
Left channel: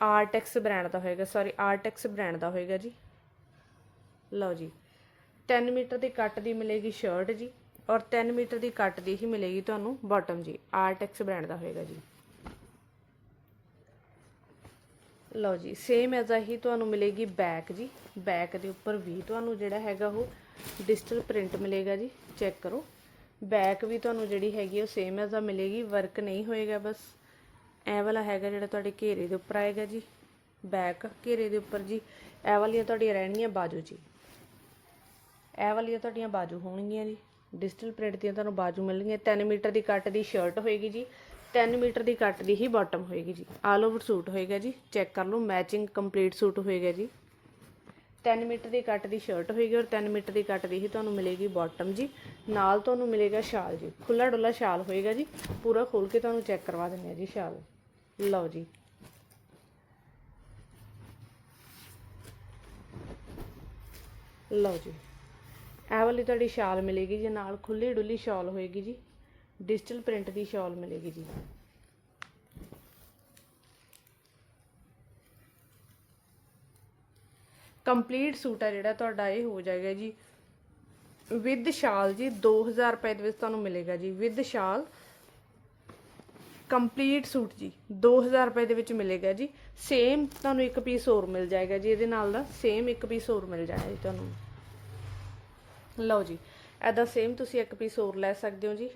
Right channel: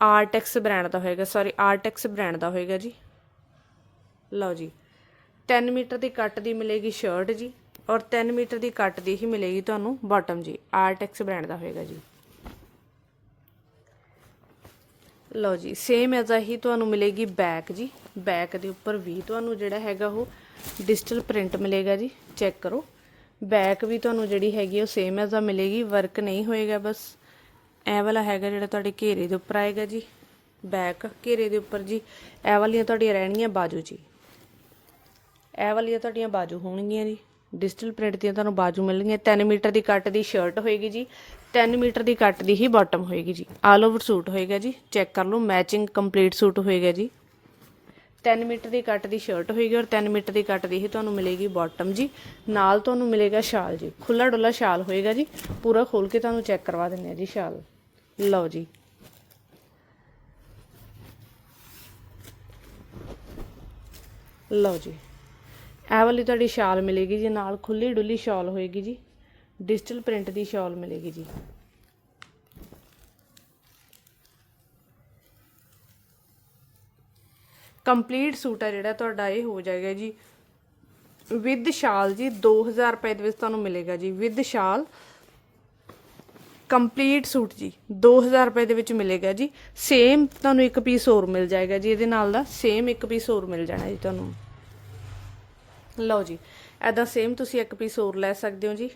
ਆਰਟੈਕਸ ਬ੍ਰਾਂਡ ਦਾ ਹੋਏਗਾ ਸੌਰੀ ਆਰਟੈਕਸ ਬ੍ਰਾਂਡ ਦਾ ਹੋਏਗਾ ਜੀ। ਲਓ ਜੀ 3 ਮੀਟਰ ਦੀ ਕੱਟ ਦੀ ਮਿਲੇਗੀ ਸ਼ਰਟ ਜੀ, ਔਰ 3 ਮੀਟਰ ਦੀ ਕੱਟ ਦੀ ਹੀ ਮਿਲੇਗੀ ਤੁਹਾਨੂੰ ਬਾਟਮ ਜੀ ਆਰਟੈਕਸ ਬ੍ਰਾਂਡ ਦਾ ਹੋਏਗਾ ਜੀ। ਲਓ ਜੀ ਸੇਮ ਐਜ਼ ਹੀ ਤੁਹਾਨੂੰ ਮਿਲੇਗੀ ਬੈਕ ਜੀ ਬੈਕ ਦੇ ਉੱਪਰ ਵੀ ਤੁਹਾਨੂੰ ਜਿਹੜਾ ਹੈਗਾ ਉਹ ਡਿਜੀਟਲ ਪ੍ਰਿੰਟ ਮਿਲੇਗਾ ਜੀ। ਚੈੱਕ ਕਰੋ। ਬੈਕ ਵੀ ਤੁਹਾਨੂੰ ਜਿਹੜੀ ਹੈਗੀ ਉਹ ਸੇਮ ਐਜ਼ ਆ, ਮਿਲੇਗੀ ਵਰਕ ਨਹੀਂ ਹੋਏਗਾ ਬਸ। ਇਹ ਵਾਲਾ ਹੈਗਾ ਜਿਹੜਾ ਤੁਹਾਡੇ ਘੇਰੇ ਦੇ ਉੱਪਰ ਆਏਗਾ ਜੀ। ਬੈਕ ਘੇਰੇ ਦੇ ਉੱਪਰ ਜੀ। ਇਹ ਵਾਲੀਆਂ ਤੁਹਾਡੀਆਂ ਰਹਿਣਗੀਆਂ ਬਾਜੂ ਜੀ। ਇਹ ਵਾਲੀਆਂ ਤੁਹਾਡੀਆਂ ਬਾਜੂ ਹੋਣਗੀਆਂ ਜੀ। ਡਿਜੀਟਲ ਪ੍ਰਿੰਟ ਦੀਆਂ ਤੁਹਾਨੂੰ ਬਾਜੂ ਮਿਲਣਗੀਆਂ। 3 ਮੀਟਰ ਦੀ ਕੱਟ ਦੀ ਸ਼ਰਟ ਹੋਏਗੀ ਜੀ। 3 ਮੀਟਰ ਦੀ ਕੱਟ ਦੀ ਹੀ ਬਾਟਮ ਹੋਏਗੀ ਜੀ। ਆਲ ਓਵਰ ਸੂਟ ਹੋਏਗਾ ਜੀ। ਚੈੱਕ ਕਰ ਲਓ। ਮੈਚਿੰਗ ਕੰਪਲੀਟ ਸੂਟ ਹੋਏਗਾ ਜੀ। 3 ਮੀਟਰ ਦੀ ਕੱਟ ਦੀ ਸ਼ਰਟ ਹੋਏਗੀ ਔਰ 3 ਮੀਟਰ ਦੀ ਕੱਟ ਦੀ ਹੀ ਤੁਹਾਨੂੰ ਮਿਲੇਗੀ ਬਾਟਮ ਜੀ। ਨਾਲ ਤੁਹਾਨੂੰ ਮਿਲੇਗਾ ਸ਼ਾਲ ਜੀ। ਖੁੱਲਾ ਡੁੱਲਾ ਸ਼ਾਲ ਹੋਏਗਾ ਜੀ। ਪੂਰਾ ਖੋਲ ਕੇ ਤੁਹਾਨੂੰ ਚੈੱਕ ਕਰਵਾ ਦਿੰਦੇ ਆ ਜੀ ਸ਼ਾਲ। ਲਓ ਜੀ। ਲਓ ਜੀ। ਇਹ ਵਾਲੀ ਤੁਹਾਡੀ ਸ਼ਾਲ ਮਿਲੇਗੀ ਜੀ। ਨਾਲ ਖੁੱਲੀ ਡੁੱਲੀ ਸ਼ਾਲ ਹੋਏਗੀ ਜੀ। ਡਿਜੀਟਲ ਪ੍ਰਿੰਟ ਦੀ ਸ਼ਾਲ ਮਿਲੇਗੀ ਜੀ। ਕੰਪਲੀਟ ਸੂਟ ਆ ਜਿਹੜਾ ਤੁਹਾਡਾ, ਇਹ ਹੋ ਜਾਏਗਾ ਜੀ। ਵਿਦ ਸ਼ਾਲ ਜੀ 2000 ਰੁਪਏ ਦੇ ਵਿੱਚ ਤੁਹਾਨੂੰ ਮਿਲੇਗਾ ਜੀ। ਵਿਦ ਸ਼ਾਲ, ਕੰਪਲੀਟ ਸੂਟ ਜੀ 2000 ਰੁਪਏ ਦੇ ਵਿੱਚ ਮਿਲੇਗਾ ਜੀ। ਸੇਮ ਤੁਹਾਨੂੰ ਇੱਕ ਪੀਸ ਹੋਰ ਮਿਲ ਜਾਏਗਾ ਜੀ, ਇਹਦੇ ਨਾਲ ਦਾ ਸੇਮ ਇੱਕ ਪੀਸ ਹੋਰ ਮਿਲ ਜਾਣਾ ਜੀ ਤੁਹਾਨੂੰ। ਲਓ ਜੀ ਐਦਾ ਸੇਮ ਤੁਸੀਂ ਇੱਕ ਪੀਸ ਹੋਰ ਲੈ ਸਕਦੇ ਹੋ ਜੀ।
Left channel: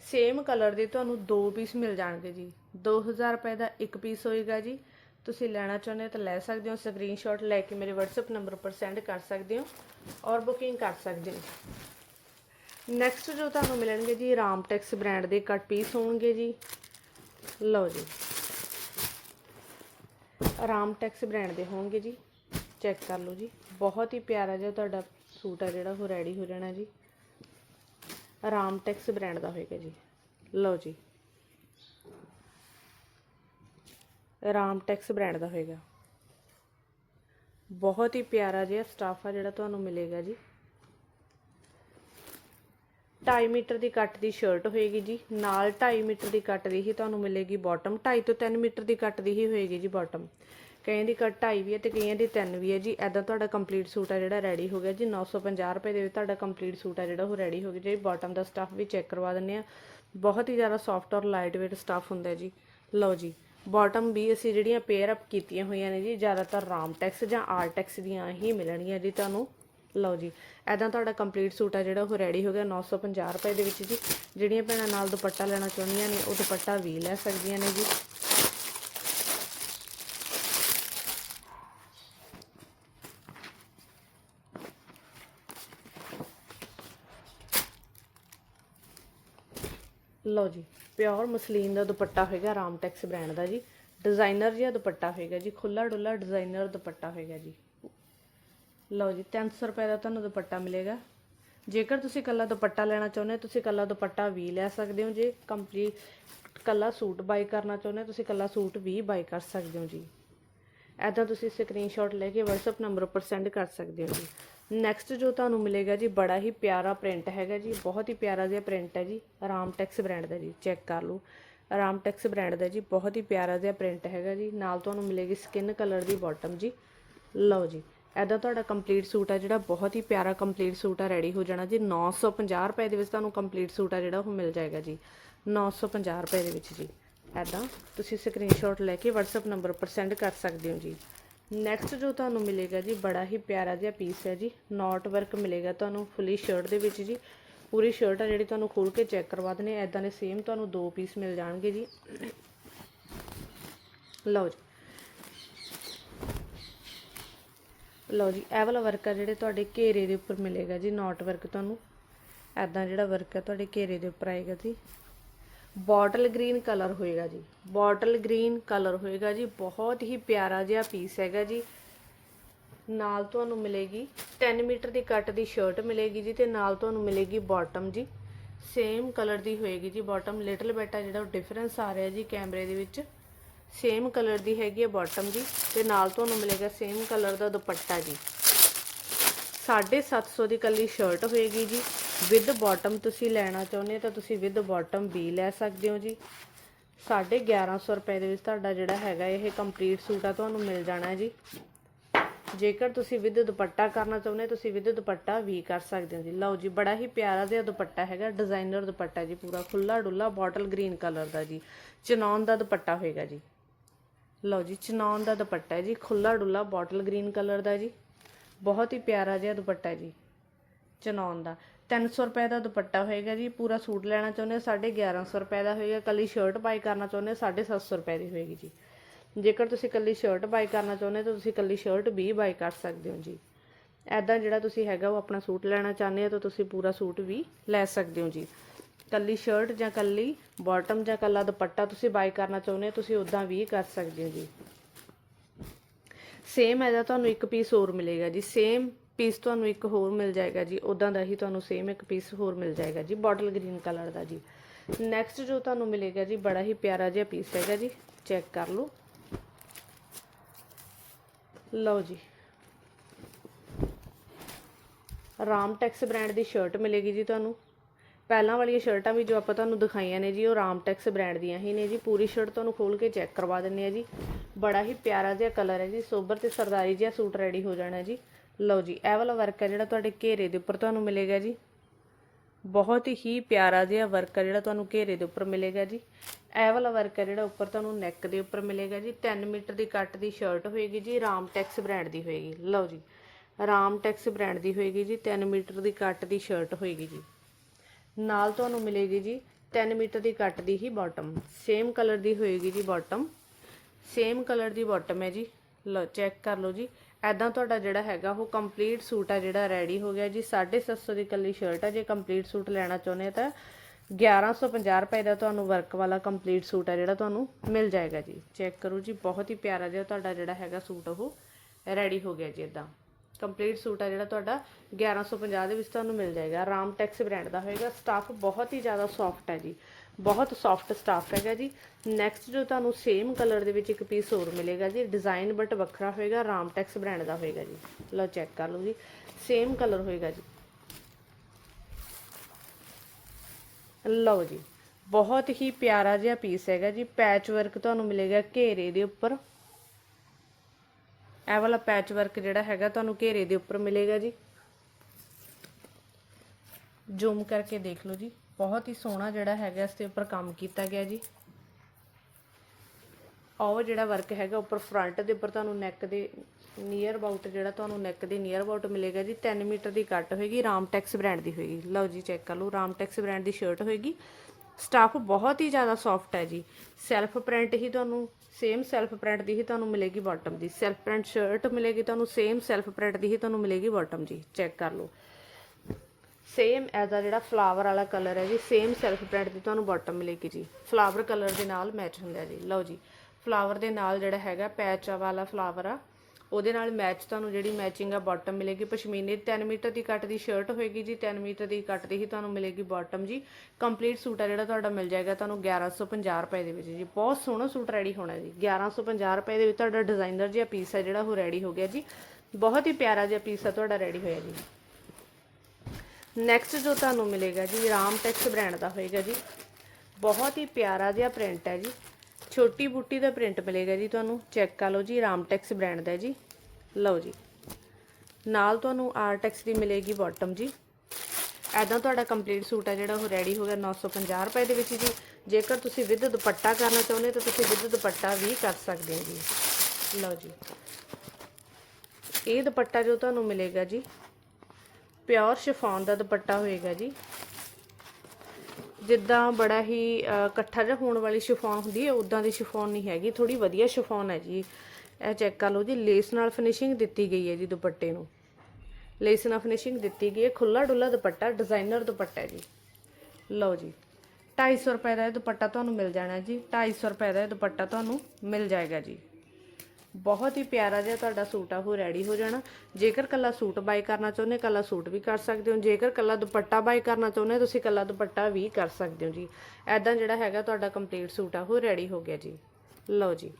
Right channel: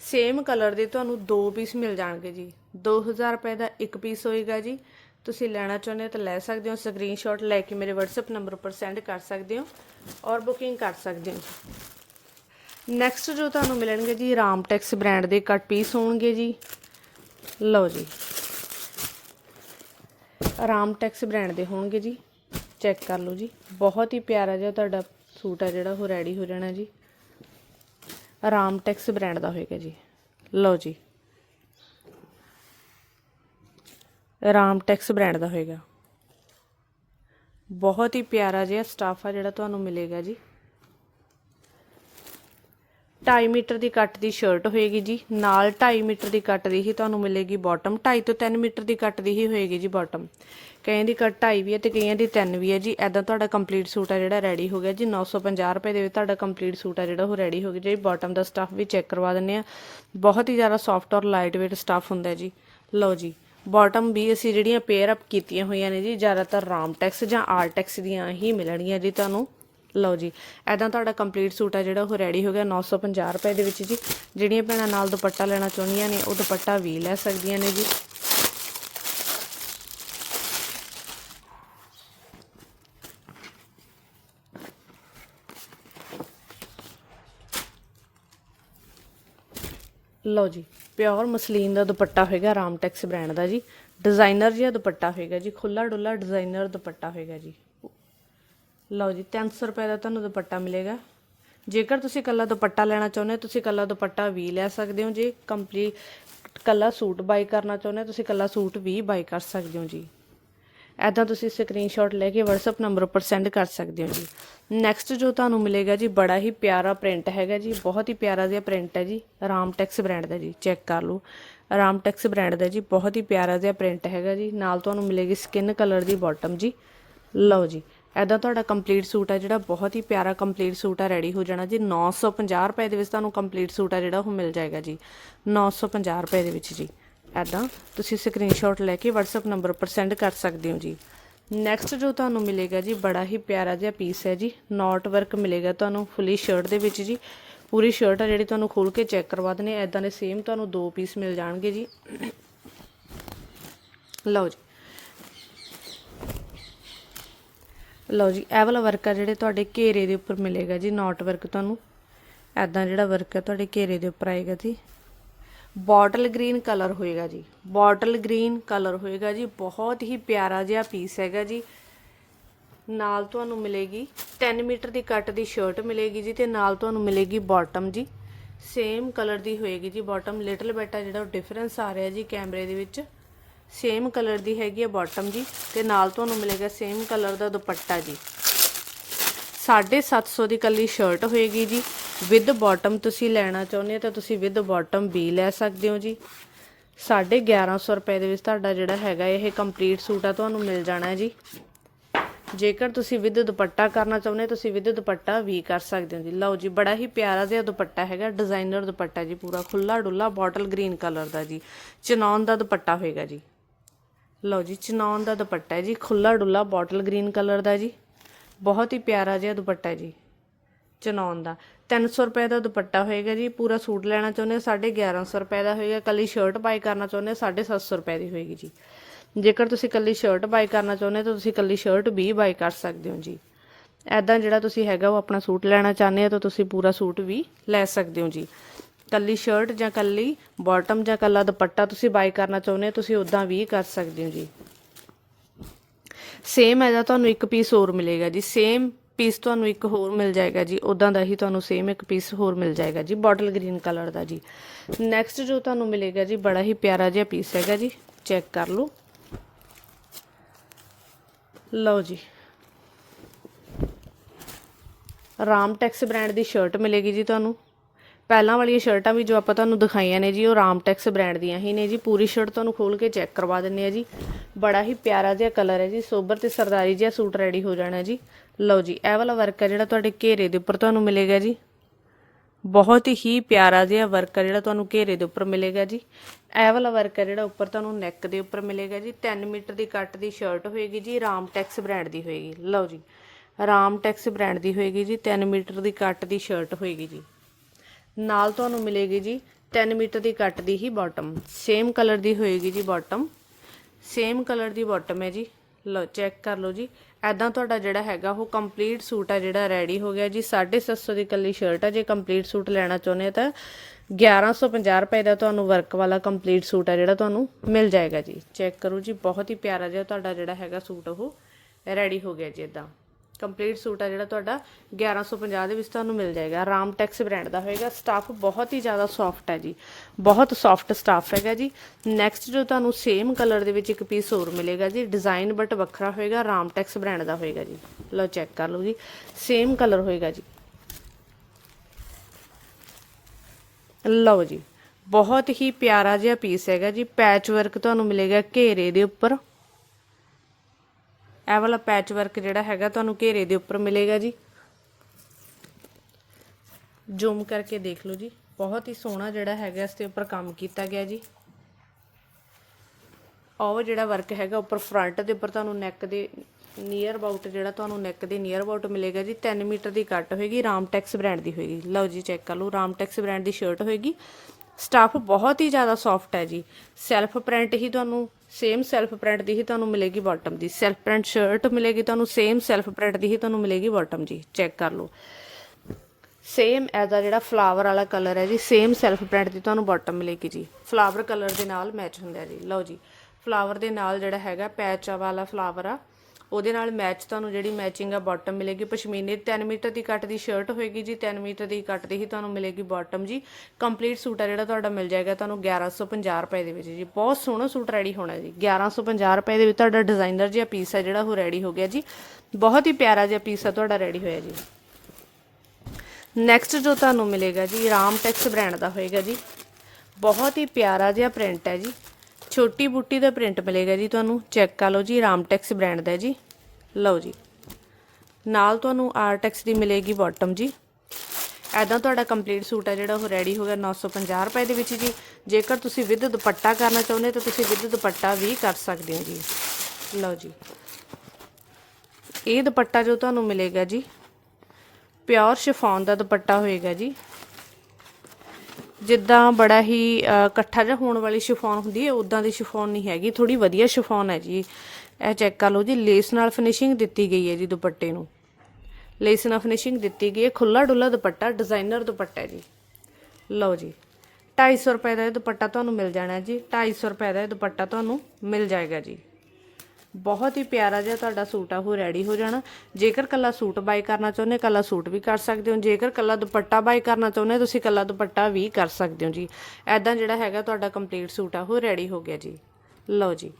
ਸੇਮ ਕਲਰ ਦੇ ਤੁਹਾਨੂੰ ਦੋ ਪੀਸ ਮਿਲ ਜਾਣਗੇ ਜੀ। 2000 ਰੁਪਏ ਦਾ ਇੱਕ ਪੀਸ ਹੋਏਗਾ ਜੀ। ਤੁਸੀਂ ਲੈਣਾ ਚਾਹੁੰਦੇ ਹੋ ਤਾਂ ਲੈ ਸਕਦੇ ਹੋ ਸਕਰੀਨਸ਼ਾਟ ਲੈ ਕੇ ਮੇਰੇ WhatsApp ਨੰਬਰ ਉੱਪਰ ਸੈਂਡ ਕਰ ਸਕਦੇ ਹੋ ਔਰ ਬੁਕਿੰਗ ਕਰ ਸਕਦੇ ਹੋ ਨੈਕਸਟ ਜੋ ਤੁਹਾਨੂੰ ਮਿਲਣਗੇ ਜੀ ਰਾਮਟੈਕਸ ਬ੍ਰਾਂਡ ਦੇ ਕੱਟ ਪੀਸ ਹੋਣਗੇ ਜੀ। ਲਓ ਜੀ। ਰਾਮਟੈਕਸ ਬ੍ਰਾਂਡ ਦੇ ਹੋਣਗੇ ਜੀ। ਚੈੱਕ ਕਰ ਲਓ ਜੀ। ਬਹੁਤ ਹੀ ਪਿਆਰਾ ਜਿਹਾ ਤੁਹਾਡਾ ਸੂਟ ਆ ਜਿਹੜਾ, ਉਹ ਰੈਡੀ ਹੋ ਜਾਣਾ ਜੀ। ਰਾਮਟੈਕਸ ਬ੍ਰਾਂਡ ਦਾ ਹੋਏਗਾ ਜੀ। ਲਓ ਜੀ। ਰਾਮਟੈਕਸ ਬ੍ਰਾਂਡ ਦਾ ਹੋਏਗਾ। ਬਹੁਤ ਹੀ ਪਿਆਰਾ ਜਿਹਾ ਸਟਾਫ ਆ ਜਿਹੜਾ ਤੁਹਾਨੂੰ ਮਿਲੇਗਾ ਜੀ। 2.5 ਮੀਟਰ ਦੀ ਕੱਟ ਦੀ ਸ਼ਰਟ ਹੋਏਗੀ ਜੀ। ਨਾਲ 2.5 ਮੀਟਰ ਦੀ ਕੱਟ ਦੀ ਹੀ ਤੁਹਾਨੂੰ ਮਿਲੇਗੀ ਬਾਟਮ 2.5 ਤੋਂ 3 ਮੀਟਰ ਦੀ ਕੱਟ ਦੀ ਹੀ ਹੋਏਗੀ ਜੀ ਬਾਟਮ ਕਈਆਂ ਦੀ ਕੱਟ 2.5 ਵੀ ਹੈ ਤੇ ਕਈਆਂ ਦੀ 3 ਵੀ ਹੈ ਜੀ। ਐਦਾਂ ਤੁਹਾਡਾ ਕੰਪਲੀਟ ਸੂਟ ਆ ਜਿਹੜਾ ਰੈਡੀ ਹੋ ਗਿਆ ਜੀ। 950 ਰੁਪਏ ਦੇ ਵਿੱਚ ਤੁਹਾਡਾ ਕੰਪਲੀਟ ਸੂਟ ਆ ਜਿਹੜਾ ਉਹ ਰੈਡੀ ਹੋ ਗਿਆ ਜੀ। ਬਾਟਮ ਦਾ ਸਟੱਫ ਵੀ ਚੈੱਕ ਕਰਵਾ ਦਿੰਨੇ ਆ। ਬਹੁਤ ਹੀ ਜ਼ਿਆਦਾ ਸੌਫਟ ਔਰ ਲਾਈਟ weight ਸਟੱਫ ਹੁੰਦਾ ਜੀ। ਲਓ ਜੀ। ਬਾਟਮ ਵੀ ਅਸੀਂ ਜਿਹੜੀਆਂ ਪੇਅਰ ਅਪ ਕੀਤੀਆਂ ਹੋਈਆਂ ਨੇ ਜੀ, ਜ਼ਿਆਦਾਤਰ ਰਾਮਟੈਕਸ ਜਾਂ ਆਰਟੈਕਸ ਦੀਆਂ ਹੀ ਮਿਲਣਗੀਆਂ ਜੀ ਤੁਹਾਨੂੰ। ਲਓ ਜੀ ਐਦਾਂ ਤੁਹਾਡਾ ਕੰਪਲੀਟ ਸੂਟ ਆ ਜਿਹੜਾ, ਉਹ ਰੈਡੀ ਹੋ ਗਿਆ 950 ਰੁਪਏ ਦੇ ਵਿੱਚ ਜੀ। ਜਿਹੜੀਆਂ ਭੈਣਾਂ ਨਾਲ ਦੁਪੱਟਾ ਲੈਣਾ ਚਾਹੁੰਦੀਆਂ ਨੇ, ਉਹ ਦੁਪੱਟਾ ਵੀ ਲੈ ਸਕਦੀਆਂ ਨੇ ਜੀ। ਲਓ ਜੀ ਪਿਓਰ ਮਸਲੀਨ ਦਾ ਦੁਪੱਟਾ ਹੋਏਗਾ ਰਾਮਟੈਕਸ ਬ੍ਰਾਂਡ ਦਾ ਜੀ। ਡਿਜ਼ਾਈਨਰ ਜਿਹਾ ਦੁਪੱਟਾ ਹੋਏਗਾ ਜੀ ਖੁੱਲਾ ਡੁੱਲਾ ਡਿਜ਼ਾਈਨਰ ਦੁਪੱਟਾ ਹੋਏਗਾ ਜੀ। ਲਓ ਜੀ 300 ਰੁਪਏ ਦਾ ਤੁਹਾਨੂੰ ਦੁਪੱਟਾ ਮਿਲੇਗਾ। ਜੇਕਰ ਤੁਸੀਂ ਕੱਲਾ ਦੁਪੱਟਾ ਲੈਣਾ ਚਾਹੁੰਦੇ ਹੋ, ਤੁਸੀਂ ਕੱਲਾ ਦੁਪੱਟਾ ਵੀ ਲੈ ਸਕਦੇ ਹੋ ਜੇ। ਕੰਪਲੀਟ ਕੱਲਾ ਸੂਟ ਬਾਈ ਕਰਨਾ ਚਾਹੁੰਦੇ ਹੋ, ਤੁਸੀਂ ਕੱਲਾ ਸੂਟ ਵੀ ਬਾਈ ਕਰ ਸਕਦੇ ਹੋ ਜੀ। ਐਦਾਂ ਤੁਸੀਂ ਸਕਰੀਨਸ਼ਾਟ ਲੈ ਕੇ WhatsApp ਨੰਬਰ ਉੱਪਰ ਸੈਂਡ ਕਰ ਸਕਦੇ ਹੋ ਜੀ। ਨੈਕਸਟ ਜੋ ਤੁਹਾਨੂੰ ਮਿਲੇਗਾ ਜੀ, ਬੜਾ ਹੀ ਪਿਆਰਾ ਪ੍ਰਿੰਟ ਹੈਗਾ ਜੀ, ਬਹੁਤ ਹੀ ਪਿਆਰਾ ਜਿਹਾ ਪ੍ਰਿੰਟ ਹੈ ਜੀ ਰਾਮਟੈਕਸ ਬ੍ਰਾਂਡ ਦਾ ਜੀ ਚੈੱਕ ਕਰ ਲਓ। ਰਾਮਟੈਕਸ ਬ੍ਰਾਂਡ ਦਾ ਜੀ, ਬਹੁਤ ਹੀ ਪਿਆਰਾ ਜਿਹਾ ਪ੍ਰਿੰਟ ਹੈਗਾ ਜੀ, ਨਾਲ ਤੁਹਾਨੂੰ ਮਿਲੇਗੀ ਸਕਿਨ ਕਲਰ ਦੀ ਬਾਟਮ ਜੀ। ਲਓ ਜੀ ਐਦਾਂ ਤੁਹਾਡਾ ਕੰਪਲੀਟ ਸੂਟ ਆ ਜਿਹੜਾ, ਬਹੁਤ ਹੀ ਪਿਆਰਾ ਕੰਪਲੀਟ ਸੂਟ ਆ ਰੈਡੀ ਹੋ ਜਾਣਾ ਜੀ। 950 ਰੁਪਏ ਦੇ ਵਿੱਚ ਤੁਹਾਨੂੰ ਕੰਪਲੀਟ ਸੂਟ ਆ ਜਿਹੜਾ, ਉਹ ਮਿਲ ਜਾਏਗਾ ਜੀ। 950 ਰੁਪਏ ਦੇ ਵਿੱਚ ਜੀ। ਐਦਾਂ ਤੁਸੀਂ ਸਕਰੀਨਸ਼ਾਟ ਲੈ ਕੇ WhatsApp ਨੰਬਰ ਉੱਪਰ ਸੈਂਡ ਕਰ ਸਕਦੇ ਹੋ ਜੀ। ਨੈਕਸਟ ਜੋ ਤੁਹਾਨੂੰ ਮਿਲੇਗਾ ਜੀ, ਬੜਾ ਹੀ ਪਿਆਰਾ ਜਿਹਾ ਪੀਸ ਹੈ ਜੀ। ਨੋਟ ਵਰਕ ਮਿਲੇਗਾ ਤੁਹਾਨੂੰ ਫੁੱਲੀ ਸ਼ਰਟ ਦੇ ਵਿੱਚ ਜੀ। ਪੂਰੀ ਸ਼ਰਟ ਆ ਜਿਹੜੀ ਤੁਹਾਨੂੰ ਖੋਲ ਕੇ ਚੈੱਕ ਕਰਵਾ ਦਨੇ ਐਦਾਂ ਦੇ ਸੇਮ ਤੁਹਾਨੂੰ ਦੋ ਪੀਸ ਮਿਲ ਜਾਣਗੇ ਜੀ। ਲਓ ਜੀ। ਲਓ ਜੀ, ਇਹ ਵਾਲਾ ਵਰਕ ਆ ਜਿਹੜੇ ਤੁਹਾਡੇ ਘੇਰੇ ਦੇ ਉੱਪਰ ਮਿਲੇਗਾ ਜੀ। ਨੋਟ ਵਰਕ ਤੁਹਾਨੂੰ। ਐਦਾਂ ਜਿਹੜਾ ਵਰਕ ਹੈ ਤੁਹਾਡੇ ਘੇਰੇ ਦੇ ਉੱਪਰ ਆਏਗਾ ਜੀ। ਬੋਟਲ ਗ੍ਰੀਨ ਕਲਰ ਹੋਏਗਾ ਜੀ। ਬੋਟਲ ਗ੍ਰੀਨ ਕਲਰ ਹੋਏਗਾ ਜੀ। ਬਹੁਤ ਹੀ ਪਿਆਰਾ ਜਿਹਾ ਪੀਸ ਹੈਗਾ ਜੀ। ਨਾਲ ਤੁਹਾਨੂੰ ਮਿਲੇਗੀ 10 ਮੀਟਰ ਦੀ ਕੱਟ ਦੀ ਸ਼ਰਟ ਮਿਲੇਗੀ ਜੀ ਤੇ ਨਾਲ ਤੁਹਾਨੂੰ ਮਿਲੇਗੀ ਬਾਟਮ ਜੀ। ਸੇਮ ਕਲਰ ਦੀ ਹੋਏਗੀ ਜੀ ਬਾਟਮ ਲਿਟਲ ਬੈਟਾ ਜਿਹੜਾ ਡਿਫਰੈਂਸ ਆ ਰਿਹਾ ਜੀ ਕੈਮਰੇ ਦੇ ਵਿੱਚ। ਸੇਮ ਕਲਰ ਦੀ ਹੈਗੀ ਹੈ ਬਾਟਮ ਜੀ ਤੇ ਨਾਲ ਤੁਹਾਨੂੰ ਮਿਲੇਗਾ ਸੇਮ ਕਲਰ ਦਾ ਦੁਪੱਟਾ ਜੀ। 750 ਦੀ ਕੱਲੀ ਸ਼ਰਟ ਹੋਏਗੀ ਜੀ। ਵਿਦ ਬਾਟਮ ਤੁਸੀਂ ਲੈਣਾ ਚਾਹੁੰਦੇ ਹੋ ਤਾਂ ਤੁਸੀਂ ਵਿਦ ਬਾਟਮ ਵੀ ਲੈ ਸਕਦੇ ਹੋ ਜੀ। 1150 ਰੁਪਏ ਦੇ ਵਿੱਚ ਤੁਹਾਡਾ ਜਿਹੜਾ ਹੈਗਾ ਇਹ ਕੰਪਲੀਟ ਸੂਟ ਆ, ਤੁਹਾਨੂੰ ਮਿਲ ਜਾਣਾ ਹੈ ਜੀ। ਜੇਕਰ ਤੁਸੀਂ ਵਿਦ ਦੁਪੱਟਾ ਕਰਨਾ ਚਾਹੁੰਦੇ ਹੋ, ਤੁਸੀਂ ਵਿਦ ਦੁਪੱਟਾ ਵੀ ਕਰ ਸਕਦੇ ਹੋ ਜੀ। ਲਓ ਜੀ, ਬੜਾ ਹੀ ਪਿਆਰਾ ਜਿਹਾ ਦੁਪੱਟਾ ਹੈਗਾ ਡਿਜ਼ਾਈਨਰ ਦੁਪੱਟਾ ਜੀ ਪੂਰਾ ਖੁੱਲਾ ਡੁੱਲਾ ਬੋਟਲ ਗ੍ਰੀਨ ਕਲਰ ਦਾ ਜੀ। ਚਨੌਨ ਦਾ ਦੁਪੱਟਾ ਹੋਏਗਾ ਜੀ। ਲਓ ਜੀ ਚਨੌਨ ਦਾ ਦੁਪੱਟਾ ਹੈ ਜੀ ਖੁੱਲਾ ਡੁੱਲਾ ਬੋਟਲ ਗ੍ਰੀਨ ਕਲਰ ਦਾ ਜੀ। ਬਹੁਤ ਹੀ ਪਿਆਰਾ ਜਿਹਾ ਦੁਪੱਟਾ ਜੀ ਚਨੌਨ ਦਾ। 300 ਰੁਪਏ ਦਾ ਦੁਪੱਟਾ ਹੋਏਗਾ ਜੀ, ਪੂਰਾ ਸੂਟ ਲੈਣਾ ਚਾਹੁੰਦੇ ਹੋ 1150 ਰੁਪਏ ਦਾ ਹੋਏਗਾ, ਕੱਲੀ ਸ਼ਰਟ ਬਾਈ ਕਰਨਾ ਚਾਹੁੰਦੇ ਹੋ 750 ਰੁਪਏ ਦੀ ਹੋਏਗੀ ਜੀ। ਜੇਕਰ ਤੁਸੀਂ ਕੱਲੀ ਸ਼ਰਟ ਬਾਈ ਕਰਨਾ ਚਾਹੁੰਦੇ ਹੋ, ਤਾਂ ਤੁਸੀਂ ਕੱਲੀ ਸ਼ਰਟ ਵੀ ਬਾਈ ਕਰ ਸਕਦੇ ਹੋ ਜੀ। ਐਦਾਂ ਜਿਹੜਾ ਤੁਸੀਂ ਹੈਗਾ, ਉਹ ਆਪਣਾ ਸੂਟ ਲੈਣਾ ਚਾਹੁੰਦੇ ਹੋ, ਤਾਂ ਤੁਸੀਂ ਪੂਰਾ ਸੂਟ ਵੀ ਲੈ ਸਕਦੇ ਹੋ ਜੀ। ਕੱਲੀ ਸ਼ਰਟ ਜਾਂ ਕੱਲੀ ਬਾਟਮ ਜਾਂ ਕੱਲਾ ਦੁਪੱਟਾ ਤੁਸੀਂ ਬਾਈ ਕਰਨਾ ਚਾਹੁੰਦੇ ਹੋ, ਤੁਸੀਂ ਉਦਾਂ ਵੀ ਕਰ ਸਕਦੇ ਹੋ ਜੀ। ਸੇਮ ਇਹਦਾ ਤੁਹਾਨੂੰ ਇੱਕ ਪੀਸ ਹੋਰ ਮਿਲੇਗਾ ਜੀ ਸੇਮ ਪੀਸ ਤੁਹਾਨੂੰ ਇੱਕ ਹੋਰ ਮਿਲ ਜਾਏਗਾ ਜੀ ਉਦਾਂ ਦਾ ਹੀ ਤੁਹਾਨੂੰ ਸੇਮ ਇੱਕ ਪੀਸ ਹੋਰ ਮਿਲ ਜਾਏਗਾ ਜੀ ਬੋਟਲ ਗ੍ਰੀਨ ਕਲਰ ਦਾ ਜੀ। ਨੈਕਸਟ ਜੋ ਤੁਹਾਨੂੰ ਮਿਲੇਗਾ ਜੀ, ਬੜਾ ਹੀ ਪਿਆਰਾ ਜਿਹਾ ਪੀਸ ਹੈਗਾ ਜੀ ਚੈੱਕ ਕਰ ਲਓ। ਲਓ ਜੀ। ਰਾਮਟੈਕਸ ਬ੍ਰਾਂਡ ਦੀ ਸ਼ਰਟ ਮਿਲੇਗੀ ਜੀ ਤੁਹਾਨੂੰ। ਪਹਿਲਾਂ ਵਾਲੀਆਂ ਸ਼ਰਟਾਂ ਵੀ ਜੋ ਆਪਾਂ ਤੁਹਾਨੂੰ ਦਿਖਾਈਆਂ ਨੇ ਜੀ, ਉਹ ਰਾਮਟੈਕਸ ਬ੍ਰਾਂਡ ਦੀਆਂ ਹੀ ਨੇ ਜੀ। ਪੂਰੀ ਸ਼ਰਟ ਤੁਹਾਨੂੰ ਖੋਲ ਕੇ ਚੈੱਕ ਕਰਵਾ ਦਿੰਨੇ ਆ ਜੀ। ਬੜਾ ਹੀ ਪਿਆਰਾ ਜਿਹਾ ਕਲਰ ਹੈ ਜੀ, ਸੋਬਰ ਤੇ ਸਰਦਾਰੀ ਜਿਹਾ ਸੂਟ ਰੈਡੀ ਹੋ ਜਾਣਾ ਜੀ। ਲਓ ਜੀ, ਇਹ ਵਾਲਾ ਵਰਕ ਹੈ ਜਿਹੜਾ ਤੁਹਾਡੇ ਘੇਰੇ ਦੇ ਉੱਪਰ ਤੁਹਾਨੂੰ ਮਿਲੇਗਾ ਜੀ। ਬਹੁਤ ਹੀ ਪਿਆਰਾ ਜਿਹਾ ਵਰਕ ਹੈ ਜਿਹੜਾ ਤੁਹਾਨੂੰ ਘੇਰੇ ਦੇ ਉੱਪਰ ਮਿਲੇਗਾ ਜੀ। ਇਹ ਵਾਲਾ ਵਰਕ ਹੈ ਜਿਹੜਾ ਉੱਪਰ ਤੁਹਾਨੂੰ ਨੈਕ ਦੇ ਉੱਪਰ ਮਿਲੇਗਾ ਜੀ। 3 ਮੀਟਰ ਦੀ ਕੱਟ ਦੀ ਸ਼ਰਟ ਹੋਏਗੀ ਜੀ ਰਾਮਟੈਕਸ ਬ੍ਰਾਂਡ ਦੀ ਹੋਏਗੀ। ਲਓ ਜੀ ਰਾਮਟੈਕਸ ਬ੍ਰਾਂਡ ਦੀ ਹੋਏਗੀ ਜੀ 3 ਮੀਟਰ ਦੀ ਕੱਟ ਦੀ ਸ਼ਰਟ ਹੋਏਗੀ ਜੀ। ਨਾਲ ਤੁਹਾਨੂੰ ਮਿਲੇਗੀ ਜੀ 3 ਮੀਟਰ ਦੀ ਕੱਟ ਦੀ ਹੀ ਬਾਟਮ ਸੇਮ ਕਲਰ ਦੀ ਹੋਏਗੀ ਜੀ ਬਾਟਮ ਸੇਮ ਕਲਰ ਦੀ ਬਾਟਮ ਹੈ ਜੀ। ਲਓ ਚੈੱਕ ਕਰ ਲਓ ਜੀ। ਐਦਾਂ ਤੁਹਾਡਾ ਜਿਹੜਾ ਹੈਗਾ, ਉਹ ਕੰਪਲੀਟ ਸੂਟ ਆ ਜਿਹੜਾ ਰੈਡੀ ਹੋ ਗਿਆ ਜੀ। 750 ਦੀ ਕੱਲੀ ਸ਼ਰਟ ਆ, ਜੇ ਕੰਪਲੀਟ ਸੂਟ ਲੈਣਾ ਚਾਹੁੰਦੇ ਆ ਤਾਂ 1150 ਰੁਪਏ ਦਾ ਤੁਹਾਨੂੰ ਵਰਕ ਵਾਲਾ ਕੰਪਲੀਟ ਸੂਟ ਆ ਜਿਹੜਾ ਤੁਹਾਨੂੰ ਮਿਲ ਜਾਏਗਾ ਜੀ। ਚੈੱਕ ਕਰੋ ਜੀ, ਬਹੁਤ ਹੀ ਪਿਆਰਾ ਜਿਹਾ ਤੁਹਾਡਾ ਜਿਹੜਾ ਹੈਗਾ ਸੂਟ ਉਹ ਰੈਡੀ ਹੋ ਗਿਆ ਜੀ ਇਦਾਂ ਕੰਪਲੀਟ ਸੂਟ ਆ ਜਿਹੜਾ ਤੁਹਾਡਾ 1150 ਦੇ ਵਿੱਚ ਤੁਹਾਨੂੰ ਮਿਲ ਜਾਏਗਾ। ਰਾਮ ਟੈਕਸ ਬ੍ਰਾਂਡ ਦਾ ਹੋਏਗਾ। ਸਟਾਫ ਬਹੁਤ ਹੀ ਜ਼ਿਆਦਾ ਸੌਫਟ ਹੈ ਜੀ। ਬਹੁਤ ਸੌਫਟ ਸਟਾਫ ਹੈਗਾ ਜੀ। ਨੈਕਸਟ ਜੋ ਤੁਹਾਨੂੰ ਸੇਮ ਕਲਰ ਦੇ ਵਿੱਚ ਇੱਕ ਪੀਸ ਹੋਰ ਮਿਲੇਗਾ ਜੀ। ਡਿਜ਼ਾਈਨ ਬਟ ਵੱਖਰਾ ਹੋਏਗਾ। ਰਾਮ ਟੈਕਸ ਬ੍ਰਾਂਡ ਦਾ ਹੋਏਗਾ ਜੀ। ਲਓ ਚੈੱਕ ਕਰ ਲਓ ਜੀ। ਸੇਮ ਕਲਰ ਹੋਏਗਾ ਜੀ। ਲਓ ਜੀ। ਬਹੁਤ ਹੀ ਪਿਆਰਾ ਜਿਹਾ ਪੀਸ ਹੈਗਾ ਜੀ। ਪੈਚ ਵਰਕ ਤੁਹਾਨੂੰ ਮਿਲੇਗਾ ਘੇਰੇ ਦੇ ਉੱਪਰ। ਇਹ ਵਾਲਾ ਪੈਚ ਵਰਕ ਜਿਹੜਾ ਹੈਗਾ ਤੁਹਾਨੂੰ ਘੇਰੇ ਦੇ ਉੱਪਰ ਮਿਲੇਗਾ ਜੀ। ਜ਼ੂਮ ਕਰਕੇ ਦੇਖ ਲਓ ਜੀ। ਬਹੁਤ ਹੀ ਸੋਹਣਾ ਜਿਹੜਾ ਹੈਗਾ ਇਸ ਦੇ ਉੱਪਰ ਕੰਮ ਕੀਤਾ ਗਿਆ ਜੀ। ਉਹ ਜਿਹੜਾ ਵਰਕ ਹੈਗਾ ਉੱਪਰ ਫਰੰਟ ਦੇ ਉੱਪਰ ਤੁਹਾਨੂੰ ਨੈਕ ਦੇ ਨੀਅਰ ਅਬਾਊਟ ਜਿਹੜਾ ਤੁਹਾਨੂੰ ਨੈਕ ਦੇ ਨੀਅਰ ਅਬਾਊਟ ਮਿਲੇਗਾ ਜੀ। 3 ਮੀਟਰ ਦੀ ਕੱਟ ਹੋਏਗੀ ਰਾਮਟੈਕਸ ਬ੍ਰਾਂਡ ਦੀ ਹੋਏਗੀ। ਲਓ ਜੀ ਚੈੱਕ ਕਰ ਲਓ ਰਾਮਟੈਕਸ ਬ੍ਰਾਂਡ ਦੀ ਸ਼ਰਟ ਹੋਏਗੀ। ਸਟਾਫ ਬਹੁਤ ਹੀ ਜ਼ਿਆਦਾ ਸੌਫਟ ਹੈ ਜੀ। ਸੈਲਫ ਪ੍ਰਿੰਟ ਹੀ ਤੁਹਾਨੂੰ ਸੇਮ ਸੈਲਫ ਪ੍ਰਿੰਟ ਦੀ ਹੀ ਤੁਹਾਨੂੰ ਮਿਲੇਗੀ ਬਾਟਮ ਦੀ। ਸੈਲਫ ਪ੍ਰਿੰਟ ਸ਼ਰਟ ਮਿਲੇਗੀ ਤੁਹਾਨੂੰ ਸੇਮ ਸੈਲਫ ਪ੍ਰਿੰਟ ਦੀ ਹੀ ਤੁਹਾਨੂੰ ਮਿਲੇਗੀ ਬਾਟਮ ਜੀ। ਚੈੱਕ ਕਰ ਲਓ। ਸੇਮ ਐਜ਼ ਦਾ ਜਿਹੜਾ ਫਲਾਵਰ ਵਾਲਾ ਕਲਰ ਹੈ ਜੀ ਸੇਮ ਸੈਲਫ ਪ੍ਰਿੰਟ ਦੀ ਤੁਹਾਨੂੰ ਬਾਟਮ ਮਿਲੇਗੀ ਜੀ। ਫਲਾਵਰ ਕਲਰ ਦੇ ਨਾਲ ਮੈਚ ਹੁੰਦਾ ਜੀ। ਲਓ ਜੀ। ਫਲਾਵਰ ਦੇ ਨਾਲ ਜਿਹੜਾ ਹੈਗਾ ਪੈਚ ਵਾਲਾ ਫਲਾਵਰ ਆ। ਉਹਦੇ ਨਾਲ ਮੈਚ ਤੁਹਾਨੂੰ ਜਿਹੜੀ ਮੈਚਿੰਗ ਆ ਬਾਟਮ ਮਿਲੇਗੀ। ਪਸ਼ਮੀਨੇ 3 ਮੀਟਰ ਦੀ ਕੱਟ ਦੀ ਸ਼ਰਟ ਹੋਏਗੀ ਜੀ 3 ਮੀਟਰ ਦੀ ਕੱਟ ਦੀ ਹੀ ਤੁਹਾਨੂੰ ਮਿਲੇਗੀ ਬਾਟਮ ਜੀ। ਕੰਪਲੀਟ ਸੂਟ ਆ ਜਿਹੜਾ ਤੁਹਾਡਾ ਮਿਲ ਜਾਏਗਾ ਤੁਹਾਨੂੰ 1150 ਰੁਪਏ ਦੇ ਵਿੱਚ ਜੀ। ਬਹੁਤ ਸੋਹਣਾ ਸੂਟ ਰੈਡੀ ਹੋਣਾ ਜੀ। 1150 ਰੁਪਏ ਦੇ ਵਿੱਚ ਤੁਹਾਡਾ ਡਿਜ਼ਾਈਨਰ ਜਿਹਾ ਪੀਸ ਹੈ ਜਿਹੜਾ ਉਹ ਰੈਡੀ ਹੋ ਗਿਆ ਜੀ। ਬਹੁਤ ਹੀ ਪਿਆਰਾ ਜਿਹਾ ਪੀਸ ਆ ਤੁਹਾਡਾ ਰੈਡੀ ਹੋਇਆ ਜੀ। ਨੈਕਸਟ ਜੋ ਤੁਹਾਨੂੰ ਮਿਲੇਗਾ ਜੀ ਰਾਮ ਟੈਕਸ ਬ੍ਰਾਂਡ ਦਾ ਹੋਏਗਾ ਜੀ। ਬਹੁਤ ਹੀ ਪਿਆਰਾ ਜਿਹਾ ਪ੍ਰਿੰਟ ਹੈ ਜੀ। ਛੋਟੀ ਬੁੱਟੀ ਦਾ ਪ੍ਰਿੰਟ ਮਿਲੇਗਾ ਜੀ ਤੁਹਾਨੂੰ। ਚੈੱਕ ਕਰ ਲਓ ਜੀ ਰਾਮਟੈਕਸ ਬ੍ਰਾਂਡ ਦਾ ਜੀ। ਲਓ ਜੀ। ਨਾਲ ਤੁਹਾਨੂੰ ਆਰਟੈਕਸ ਦੀ ਮਿਲੇਗੀ ਬਾਟਮ ਜੀ। ਐਦਾਂ ਤੁਹਾਡਾ ਕੰਪਲੀਟ ਸੂਟ ਆ ਜਿਹੜਾ, ਉਹ ਰੈਡੀ ਹੋ ਗਿਆ 950 ਰੁਪਏ ਦੇ ਵਿੱਚ ਜੀ। ਜੇਕਰ ਤੁਸੀਂ ਵਿਦ ਦੁਪੱਟਾ ਕਰਨਾ ਚਾਹੁੰਦੇ ਤਾਂ ਤੁਸੀਂ ਵਿਦ ਦੁਪੱਟਾ ਵੀ ਕਰ ਸਕਦੇ ਹੋ ਜੀ। ਲਓ ਜੀ। ਇਹ ਦੁਪੱਟਾ ਜੋ ਤੁਹਾਨੂੰ ਮਿਲੇਗਾ ਜੀ ਪਿਓਰ ਸ਼ਿਫੋਨ ਦਾ ਦੁਪੱਟਾ ਹੋਏਗਾ ਜੀ। ਜਿੱਦਾਂ ਬੜਾ ਹੀ ਇਕੱਠਾ ਜਿਹਾ ਹੋਣ ਵਾਲੀ ਸ਼ਿਫੋਨ ਹੁੰਦੀ ਹੈ ਉਦਾਂ ਦੀ ਸ਼ਿਫੋਨ ਨਹੀਂ ਹੈਗੀ। ਥੋੜੀ ਵਧੀਆ ਸ਼ਿਫੋਨ ਹੈ ਜੀ। ਇਹ ਚੈੱਕ ਕਰ ਲਓ ਜੀ ਲੇਸ ਨਾਲ ਫਿਨਿਸ਼ਿੰਗ ਦਿੱਤੀ ਗਈ ਹੈ ਜੀ ਦੁਪੱਟੇ ਨੂੰ। ਲੇਸ ਨਾਲ ਫਿਨਿਸ਼ਿੰਗ ਦਿੱਤੀ ਗਈ ਹੈ ਖੁੱਲਾ ਡੁੱਲਾ ਦੁਪੱਟਾ ਡਿਜ਼ਾਈਨਰ ਦੁਪੱਟਾ ਹੈ ਜੀ। ਲਓ ਜੀ 250 ਰੁਪਏ ਦਾ ਇਹ ਦੁਪੱਟਾ ਤੁਹਾਨੂੰ ਮਿਲ ਜਾਣਾ ਹੈ ਜੀ। 250 ਰੁਪਏ ਦਾ ਇਹ ਦੁਪੱਟਾ ਤੁਹਾਨੂੰ ਮਿਲ ਜਾਏਗਾ ਜੀ। ਬਹੁਤ ਹੀ ਪਿਆਰਾ ਜਿਹਾ ਤੁਹਾਡਾ ਸੂਟ ਆ, ਉਹ ਰੈਡੀ ਹੋ ਜਾਣਾ। ਜੇਕਰ ਕੱਲਾ ਸੂਟ ਬਾਈ ਕਰਨਾ ਚਾਹੁੰਦੇ, ਕੱਲਾ ਸੂਟ ਵੀ ਕਰ ਸਕਦੇ ਹੋ। ਜੇਕਰ ਕੱਲਾ ਦੁਪੱਟਾ ਬਾਈ ਕਰਨਾ ਚਾਹੁੰਦੇ, ਤੁਸੀਂ ਕੱਲਾ ਦੁਪੱਟਾ ਵੀ ਕਰ ਸਕਦੇ ਹੋ ਜੀ। ਐਦਾਂ ਜਿਹੜਾ ਹੈਗਾ ਤੁਹਾਡਾ ਕੰਪਲੀਟ ਸੂਟ ਆ, ਉਹ ਰੈਡੀ ਹੋ ਗਿਆ ਜੀ। ਲਓ ਜੀ।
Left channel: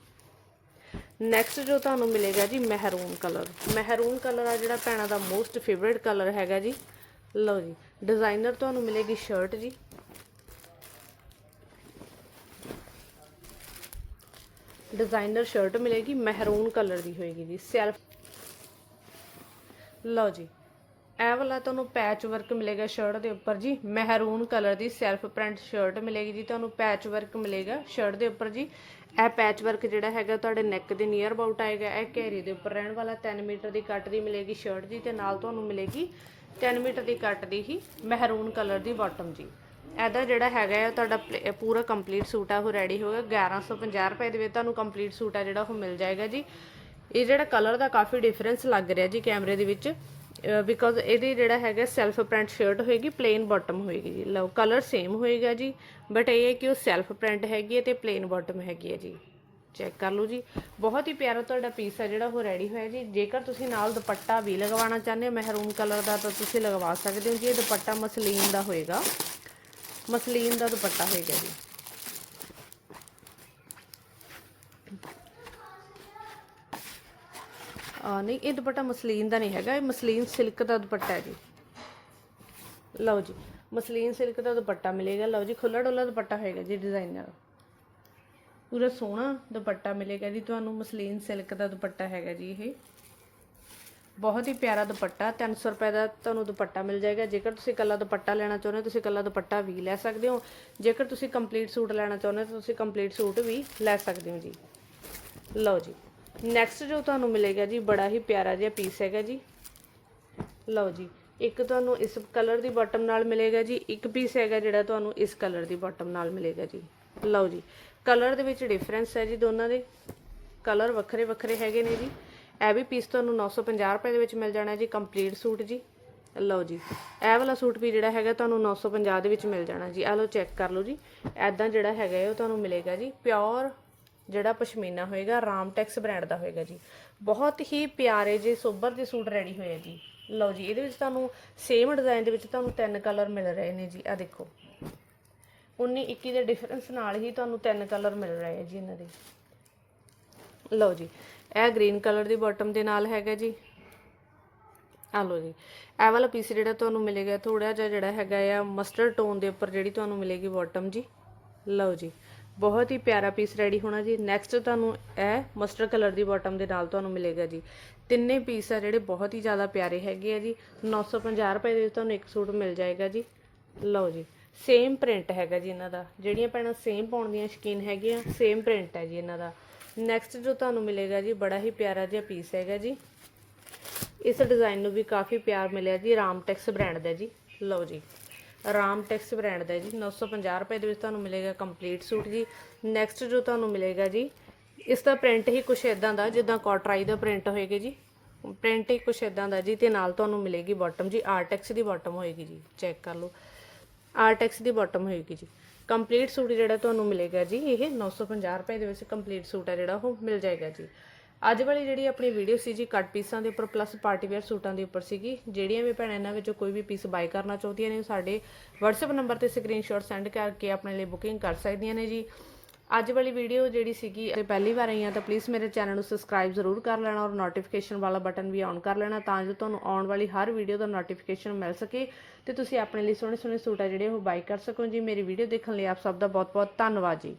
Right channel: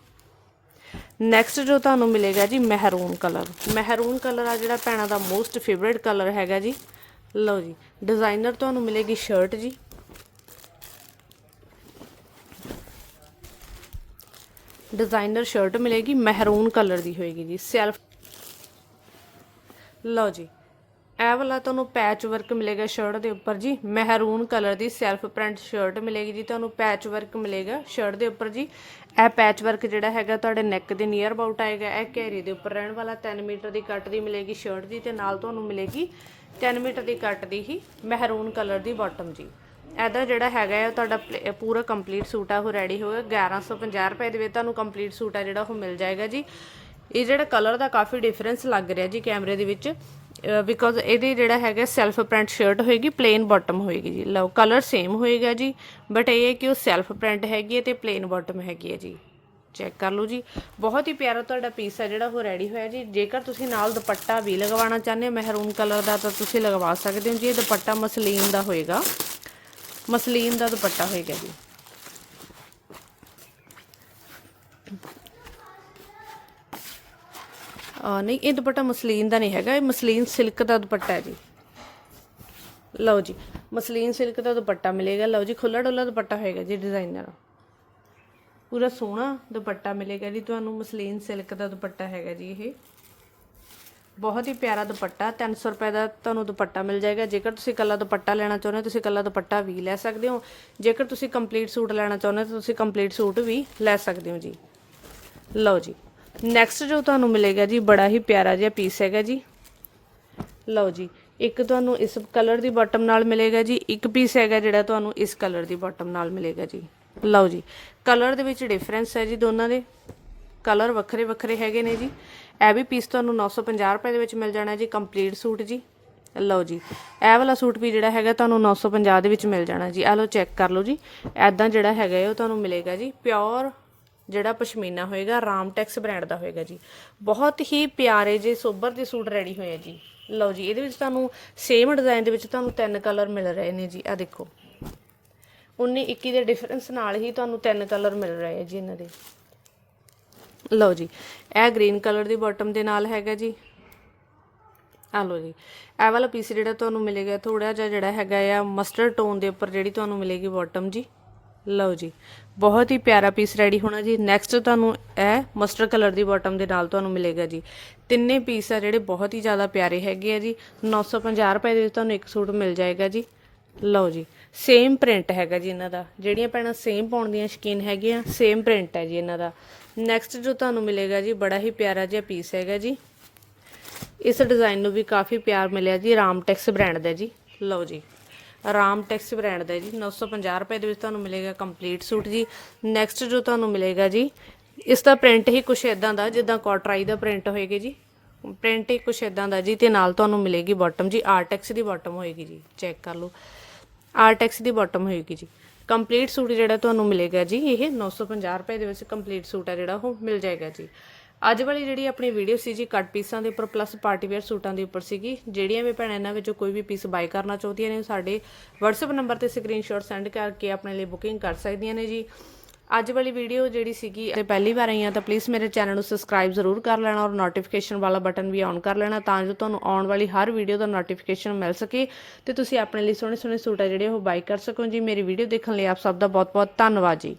ਨੈਕਸਟ ਜੋ ਤੁਹਾਨੂੰ ਮਿਲੇਗਾ ਜੀ, ਮਹਿਰੂਨ ਕਲਰ। ਮਹਿਰੂਨ ਕਲਰ ਆ ਜਿਹੜਾ ਭੈਣਾਂ ਦਾ ਮੋਸਟ ਫੇਵਰਿਟ ਕਲਰ ਹੈਗਾ ਜੀ। ਲਓ ਜੀ। ਡਿਜ਼ਾਈਨਰ ਤੁਹਾਨੂੰ ਮਿਲੇਗੀ ਸ਼ਰਟ ਜੀ। ਡਿਜ਼ਾਈਨਰ ਸ਼ਰਟ ਮਿਲੇਗੀ, ਮਹਿਰੂਨ ਕਲਰ ਦੀ ਹੋਏਗੀ ਜੀ ਸੈਲਫ ਲਓ ਜੀ, ਇਹ ਵਾਲਾ ਤੁਹਾਨੂੰ ਪੈਚ ਵਰਕ ਮਿਲੇਗਾ ਸ਼ਰਟ ਦੇ ਉੱਪਰ ਜੀ, ਮਹਿਰੂਨ ਕਲਰ ਦੀ ਸੈਲਫ ਪ੍ਰਿੰਟ ਸ਼ਰਟ ਮਿਲੇਗੀ ਜੀ, ਤੁਹਾਨੂੰ ਪੈਚ ਵਰਕ ਮਿਲੇਗਾ ਸ਼ਰਟ ਦੇ ਉੱਪਰ ਜੀ। ਇਹ ਪੈਚ ਵਰਕ ਜਿਹੜਾ ਹੈਗਾ ਤੁਹਾਡੇ ਨੈਕ ਦੇ ਨੀਅਰ ਅਬਾਊਟ ਆਏਗਾ, ਇਹ ਘੇਰੇ ਦੇ ਉੱਪਰ ਰਹਿਣ ਵਾਲਾ 3 ਮੀਟਰ ਦੀ ਕੱਟ ਦੀ ਮਿਲੇਗੀ ਸ਼ਰਟ ਦੀ ਤੇ ਨਾਲ ਤੁਹਾਨੂੰ ਮਿਲੇਗੀ 10 ਮੀਟਰ ਦੀ ਕੱਟ ਦੀ ਹੀ ਮਹਿਰੂਨ ਕਲਰ ਦੀ ਬਾਟਮ ਜੀ। ਇਹਦਾ ਜਿਹੜਾ ਹੈਗਾ ਆ, ਤੁਹਾਡਾ ਪਲੇ- ਪੂਰਾ ਕੰਪਲੀਟ ਸੂਟ ਆ, ਉਹ ਰੈਡੀ ਹੋ ਗਿਆ 1150 ਰੁਪਏ ਦੇ ਵਿੱਚ ਤੁਹਾਨੂੰ ਕੰਪਲੀਟ ਸੂਟ ਆ ਜਿਹੜਾ ਉਹ ਮਿਲ ਜਾਏਗਾ ਜੀ। ਇਹ ਜਿਹੜਾ ਕਲਰ ਦਾ ਕਾਫੀ ਡਿਫਰੈਂਸ ਲੱਗ ਰਿਹਾ ਜੀ ਕੈਮਰੇ ਦੇ ਵਿੱਚ। ਬਿਕੋਜ਼ ਇਹਦੇ ਜਿਹੜਾ ਹੈਗਾ ਸੈਲਫ ਪ੍ਰਿੰਟ ਸ਼ਰਟ ਹੋਏਗੀ ਪਲੇਨ ਬਾਟਮ ਹੋਏਗੀ ਜੀ। ਲਓ ਕਲਰ ਸੇਮ ਹੋਏਗਾ ਜੀ ਬਟ ਇਹ ਹੈ ਕਿ ਉਹ ਸੈਲਫ ਪ੍ਰਿੰਟ ਹੈਗੀ ਹੈ ਤੇ ਪਲੇਨ ਬਾਟਮ ਹੈਗੀ ਹੈ ਜੀ। ਚੈੱਕ ਕਰ ਲਓ ਜੀ। ਬਹੁਤ ਹੀ ਪਿਆਰਾ ਤੁਹਾਡਾ ਪੀਸ ਹੈ ਜਿਹੜਾ ਉਹ ਰੈਡੀ ਹੋਇਆ ਜੀ। ਜੇਕਰ ਤੁਸੀਂ ਨਾਲ ਦੁਪੱਟਾ ਵੀ ਲਗਵਾਉਣਾ ਚਾਹੁੰਦੇ ਹੋ, ਮਹਿਰੂਨ ਕਲਰ ਦਾ, ਤਾਂ ਤੁਸੀਂ ਲਗਵਾ ਸਕਦੇ ਹੋ ਜੀ। ਇਹ ਦੁਪੱਟਾ ਮਸਲੀਨ ਦਾ ਹੋਏਗਾ। ਮਸਲੀਨ ਦਾ ਦੁਪੱਟਾ ਹੋਏਗਾ ਜੀ। ਆ, ਨਹੀਂ, ਇਹ ਦੁਪੱਟਾ ਮਸਲੀਨ ਦਾ ਨਹੀਂ ਹੈਗਾ, ਇਹ ਮਸਲੀਨ ਸਿਲਕ ਦਾ ਦੁਪੱਟਾ ਹੈ ਜੀ। ਲਓ ਜੀ, ਮਸਲੀਨ ਸਿਲਕ ਦਾ ਦੁਪੱਟਾ ਮਿਲੇਗਾ। ਲਓ ਜੀ ਖੁੱਲਾ ਡੁੱਲਾ ਦੁਪੱਟਾ ਹੋਏਗਾ ਜੀ ਡਿਜ਼ਾਈਨਰ। ਪੂਰਾ ਸੋਹਣਾ ਦੁਪੱਟਾ ਮਿਲੇਗਾ ਜੀ, ਤੁਹਾਨੂੰ ਮਸਲੀਨ ਸਿਲਕ ਦਾ ਦੁਪੱਟਾ ਹੈਗਾ ਜੀ ਇਹ। ਬਹੁਤ ਹੀ ਪਿਆਰਾ ਦੁਪੱਟਾ 300 ਰੁਪਏ ਦਾ ਤੁਹਾਨੂੰ ਦੁਪੱਟਾ ਮਿਲ ਜਾਏਗਾ। ਜੇਕਰ ਤੁਸੀਂ ਕੱਲਾ ਦੁਪੱਟਾ ਲੈਣਾ ਚਾਹੁੰਦੇ ਹੋ, ਤੁਸੀਂ ਕੱਲਾ ਦੁਪੱਟਾ ਵੀ ਲੈ ਸਕਦੇ ਹੋ। ਜੇਕਰ ਤੁਸੀਂ ਕੰਪਲੀਟ ਸੂਟ ਲੈਣਾ ਚਾਹੁੰਦੇ ਹੋ, ਤਾਂ ਤੁਸੀਂ ਕੰਪਲੀਟ ਸੂਟ ਵੀ ਲੈ ਸਕਦੇ ਹੋ ਜੀ। ਲਓ ਜੀ ਨੈਕਸਟ ਜੋ ਤੁਹਾਨੂੰ ਮਿਲੇਗਾ ਜੀ, ਬੜਾ ਹੀ ਪਿਆਰਾ ਜਿਹਾ ਪੀਸ ਹੈਗਾ ਜੀ। ਲਓ ਜੀ, ਇੱਕ ਤੁਹਾਨੂੰ ਇਸ ਕਲਰ ਦੀ ਬਾਟਮ ਨਾਲ ਮਿਲੇਗਾ ਜੀ, ਇੱਕ ਪੀਸ ਹੈਗਾ ਜਿਹੜਾ ਤੁਹਾਨੂੰ ਇਸ ਕਲਰ ਦੀ ਬਾਟਮ ਨਾਲ ਮਿਲੇਗਾ ਜੀ। ਲਓ ਜੀ ਕਲਰ ਦੇ ਵਿੱਚ ਡਿਫਰੈਂਸ ਹੈ ਜੀ ਦੋਨਾਂ ਦੇ। ਕਲਰ ਵੱਖਰੇ ਵੱਖਰੇ ਹੈਗੇ ਨੇ ਜੀ। ਇਹ ਵੀ ਪੀਸ ਤੁਹਾਨੂੰ 950 ਰੁਪਏ ਦੇ ਵਿੱਚ ਮਿਲ ਜਾਣਾ ਜੀ ਕੰਪਲੀਟ ਸੂਟ ਜੀ। ਲਓ ਜੀ, ਇਹ ਵਾਲਾ ਸੂਟ ਵੀ ਜਿਹੜਾ ਹੈਗਾ ਤੁਹਾਨੂੰ 950 ਦੇ ਵਿੱਚ ਮਿਲ ਜਾਣਾ ਜੀ। ਆ ਲਓ ਚੈੱਕ ਕਰ ਲਓ ਜੀ ਐਦਾਂ ਜਿਹੜਾ ਹੈਗਾ ਉਹ ਤੁਹਾਨੂੰ ਮਿਲੇਗਾ ਜੀ ਪਿਓਰ ਜਿਹੜਾ ਪਸ਼ਮੀਨਾ ਹੋਏਗਾ ਰਾਮਟੈਕਸ ਬ੍ਰਾਂਡ ਦਾ ਹੋਏਗਾ ਜੀ। ਬਹੁਤ ਹੀ ਪਿਆਰੇ ਜੇ ਸੋਬਰ ਦੇ ਸੂਟ ਰੈਡੀ ਹੋਏ ਆ ਜੀ। ਲਓ ਜੀ, ਇਹਦੇ ਵਿੱਚ ਤੁਹਾਨੂੰ ਸੇਮ ਡਿਜ਼ਾਈਨ ਦੇ ਵਿੱਚ ਤੁਹਾਨੂੰ ਤਿੰਨ ਕਲਰ ਮਿਲ ਰਹੇ ਨੇ ਜੀ ਆ ਦੇਖੋ। 19 21 ਦੇ ਡਿਫਰੈਂਸ ਨਾਲ ਹੀ ਤੁਹਾਨੂੰ ਤਿੰਨ ਕਲਰ ਮਿਲ ਰਹੇ ਆ ਜੀ ਇਹਨਾਂ ਦੇ। ਲਓ ਜੀ, ਇਹ ਗ੍ਰੀਨ ਕਲਰ ਦੀ ਬਾਟਮ ਦੇ ਨਾਲ ਹੈਗਾ ਜੀ। ਆ ਲਓ ਜੀ, ਇਹ ਵਾਲਾ ਪੀਸ ਜਿਹੜਾ ਤੁਹਾਨੂੰ ਮਿਲੇਗਾ ਥੋੜਾ ਜਿਹਾ ਜਿਹੜਾ ਹੈਗਾ ਆ ਮਸਟਰਡ ਟੋਨ ਦੇ ਉੱਪਰ ਜਿਹੜੀ ਤੁਹਾਨੂੰ ਮਿਲੇਗੀ ਬਾਟਮ ਜੀ। ਲਓ ਜੀ, ਬਹੁਤ ਹੀ ਪਿਆਰਾ ਪੀਸ ਰੈਡੀ ਹੋਣਾ ਜੀ। ਨੈਕਸਟ ਤੁਹਾਨੂੰ ਇਹ ਮਸਟਰਡ ਕਲਰ ਦੀ ਬਾਟਮ ਦੇ ਨਾਲ ਤੁਹਾਨੂੰ ਮਿਲੇਗਾ ਜੀ। ਤਿੰਨੇ ਪੀਸ ਆ ਜਿਹੜੇ ਬਹੁਤ ਹੀ ਜ਼ਿਆਦਾ ਪਿਆਰੇ ਹੈਗੇ ਆ ਜੀ। 950 ਰੁਪਏ ਦੇ ਵਿੱਚ ਤੁਹਾਨੂੰ ਇੱਕ ਸੂਟ ਮਿਲ ਜਾਏਗਾ ਜੀ। ਲਓ ਜੀ ਸੇਮ ਪ੍ਰਿੰਟ ਹੈਗਾ ਜੀ ਇਹਨਾਂ ਦਾ। ਜਿਹੜੀਆਂ ਭੈਣਾਂ ਸੇਮ ਪਾਉਣ ਦੀਆਂ ਸ਼ਕੀਨ ਹੈਗੀਆਂ ਸੇਮ ਪ੍ਰਿੰਟ ਹੈ ਜੀ ਇਹਨਾਂ ਦਾ। ਨੈਕਸਟ ਜੋ ਤੁਹਾਨੂੰ ਮਿਲੇਗਾ ਜੀ, ਬੜਾ ਹੀ ਪਿਆਰਾ ਜਿਹਾ ਪੀਸ ਹੈਗਾ ਜੀ। ਇਸ ਡਿਜ਼ਾਈਨ ਨੂੰ ਵੀ ਕਾਫੀ ਪਿਆਰ ਮਿਲਿਆ ਜੀ ਰਾਮਟੈਕਸ ਬ੍ਰਾਂਡ ਦਾ ਜੀ। ਲਓ ਜੀ ਰਾਮਟੈਕਸ ਬ੍ਰਾਂਡ ਦਾ ਜੀ। 950 ਰੁਪਏ ਦੇ ਵਿੱਚ ਤੁਹਾਨੂੰ ਮਿਲੇਗਾ ਕੰਪਲੀਟ ਸੂਟ ਜੀ। ਨੈਕਸਟ ਜੋ ਤੁਹਾਨੂੰ ਮਿਲੇਗਾ ਜੀ, ਇਸ ਦਾ ਪ੍ਰਿੰਟ ਹੀ ਕੁਛ ਇਦਾਂ ਦਾ, ਜਿੱਦਾਂ ਕਾਟਰਾਈ ਦਾ ਪ੍ਰਿੰਟ ਹੋਏਗਾ ਜੀ। ਪ੍ਰਿੰਟ ਹੀ ਕੁਛ ਇਦਾਂ ਦਾ ਜੀ, ਤੇ ਨਾਲ ਤੁਹਾਨੂੰ ਮਿਲੇਗੀ ਬਾਟਮ ਜੀ। ਆਰਟੈਕਸ ਦੀ ਬਾਟਮ ਹੋਏਗੀ ਜੀ ਚੈੱਕ ਕਰ ਲਓ। ਆਰਟੈਕਸ ਦੀ ਬਾਟਮ ਹੋਏਗੀ ਜੀ। ਕੰਪਲੀਟ ਸੂਟ ਜਿਹੜਾ ਤੁਹਾਨੂੰ ਮਿਲੇਗਾ ਜੀ, ਇਹ 950 ਰੁਪਏ ਦੇ ਵਿੱਚ ਕੰਪਲੀਟ ਸੂਟ ਹੈ ਜਿਹੜਾ, ਉਹ ਮਿਲ ਜਾਏਗਾ ਜੀ। ਅੱਜ ਵਾਲੀ ਜਿਹੜੀ ਆਪਣੀ ਵੀਡੀਓ ਸੀ ਜੀ, ਕੱਟ ਪੀਸਾਂ ਦੇ ਉੱਪਰ ਪਲੱਸ ਪਾਰਟੀ ਵੇਅਰ ਸੂਟਾਂ ਦੇ ਉੱਪਰ ਸੀਗੀ, ਜਿਹੜੀਆਂ ਵੀ ਭੈਣਾਂ ਇਹਨਾਂ ਵਿੱਚੋਂ ਕੋਈ ਵੀ ਪੀਸ ਬਾਈ ਕਰਨਾ ਚਾਹੁੰਦੀਆਂ ਨੇ ਸਾਡੇ WhatsApp ਨੰਬਰ ਤੇ ਸਕਰੀਨਸ਼ਾਟ ਸੈਂਡ ਕਰਕੇ ਆਪਣੇ ਲਈ ਬੁਕਿੰਗ ਕਰ ਸਕਦੀਆਂ ਨੇ ਜੀ। ਅੱਜ ਵਾਲੀ ਵੀਡੀਓ ਜਿਹੜੀ ਸੀਗੀ, ਤੇ ਪਹਿਲੀ ਵਾਰ ਆਈ ਆ ਤਾਂ ਪਲੀਜ਼ ਮੇਰੇ ਚੈਨਲ ਨੂੰ ਸਬਸਕ੍ਰਾਈਬ ਜ਼ਰੂਰ ਕਰ ਲੈਣਾ ਔਰ ਨੋਟੀਫਿਕੇਸ਼ਨ ਵਾਲਾ ਬਟਨ ਵੀ ਔਨ ਕਰ ਲੈਣਾ ਤਾਂ ਜੋ ਤੁਹਾਨੂੰ ਆਉਣ ਵਾਲੀ ਹਰ ਵੀਡੀਓ ਦਾ ਨੋਟੀਫਿਕੇਸ਼ਨ ਮਿਲ ਸਕੇ। ਤੇ ਤੁਸੀਂ ਆਪਣੇ ਲਈ ਸੋਹਣੇ ਸੋਹਣੇ ਸੂਟ ਆ ਜਿਹੜੇ ਉਹ ਬਾਈ ਕਰ ਸਕੋ ਜੀ। ਮੇਰੀ ਵੀਡੀਓ ਦੇਖਣ ਲਈ ਆਪ ਸਭ ਦਾ ਬਹੁਤ ਬਹੁਤ ਧੰਨਵਾਦ ਜੀ।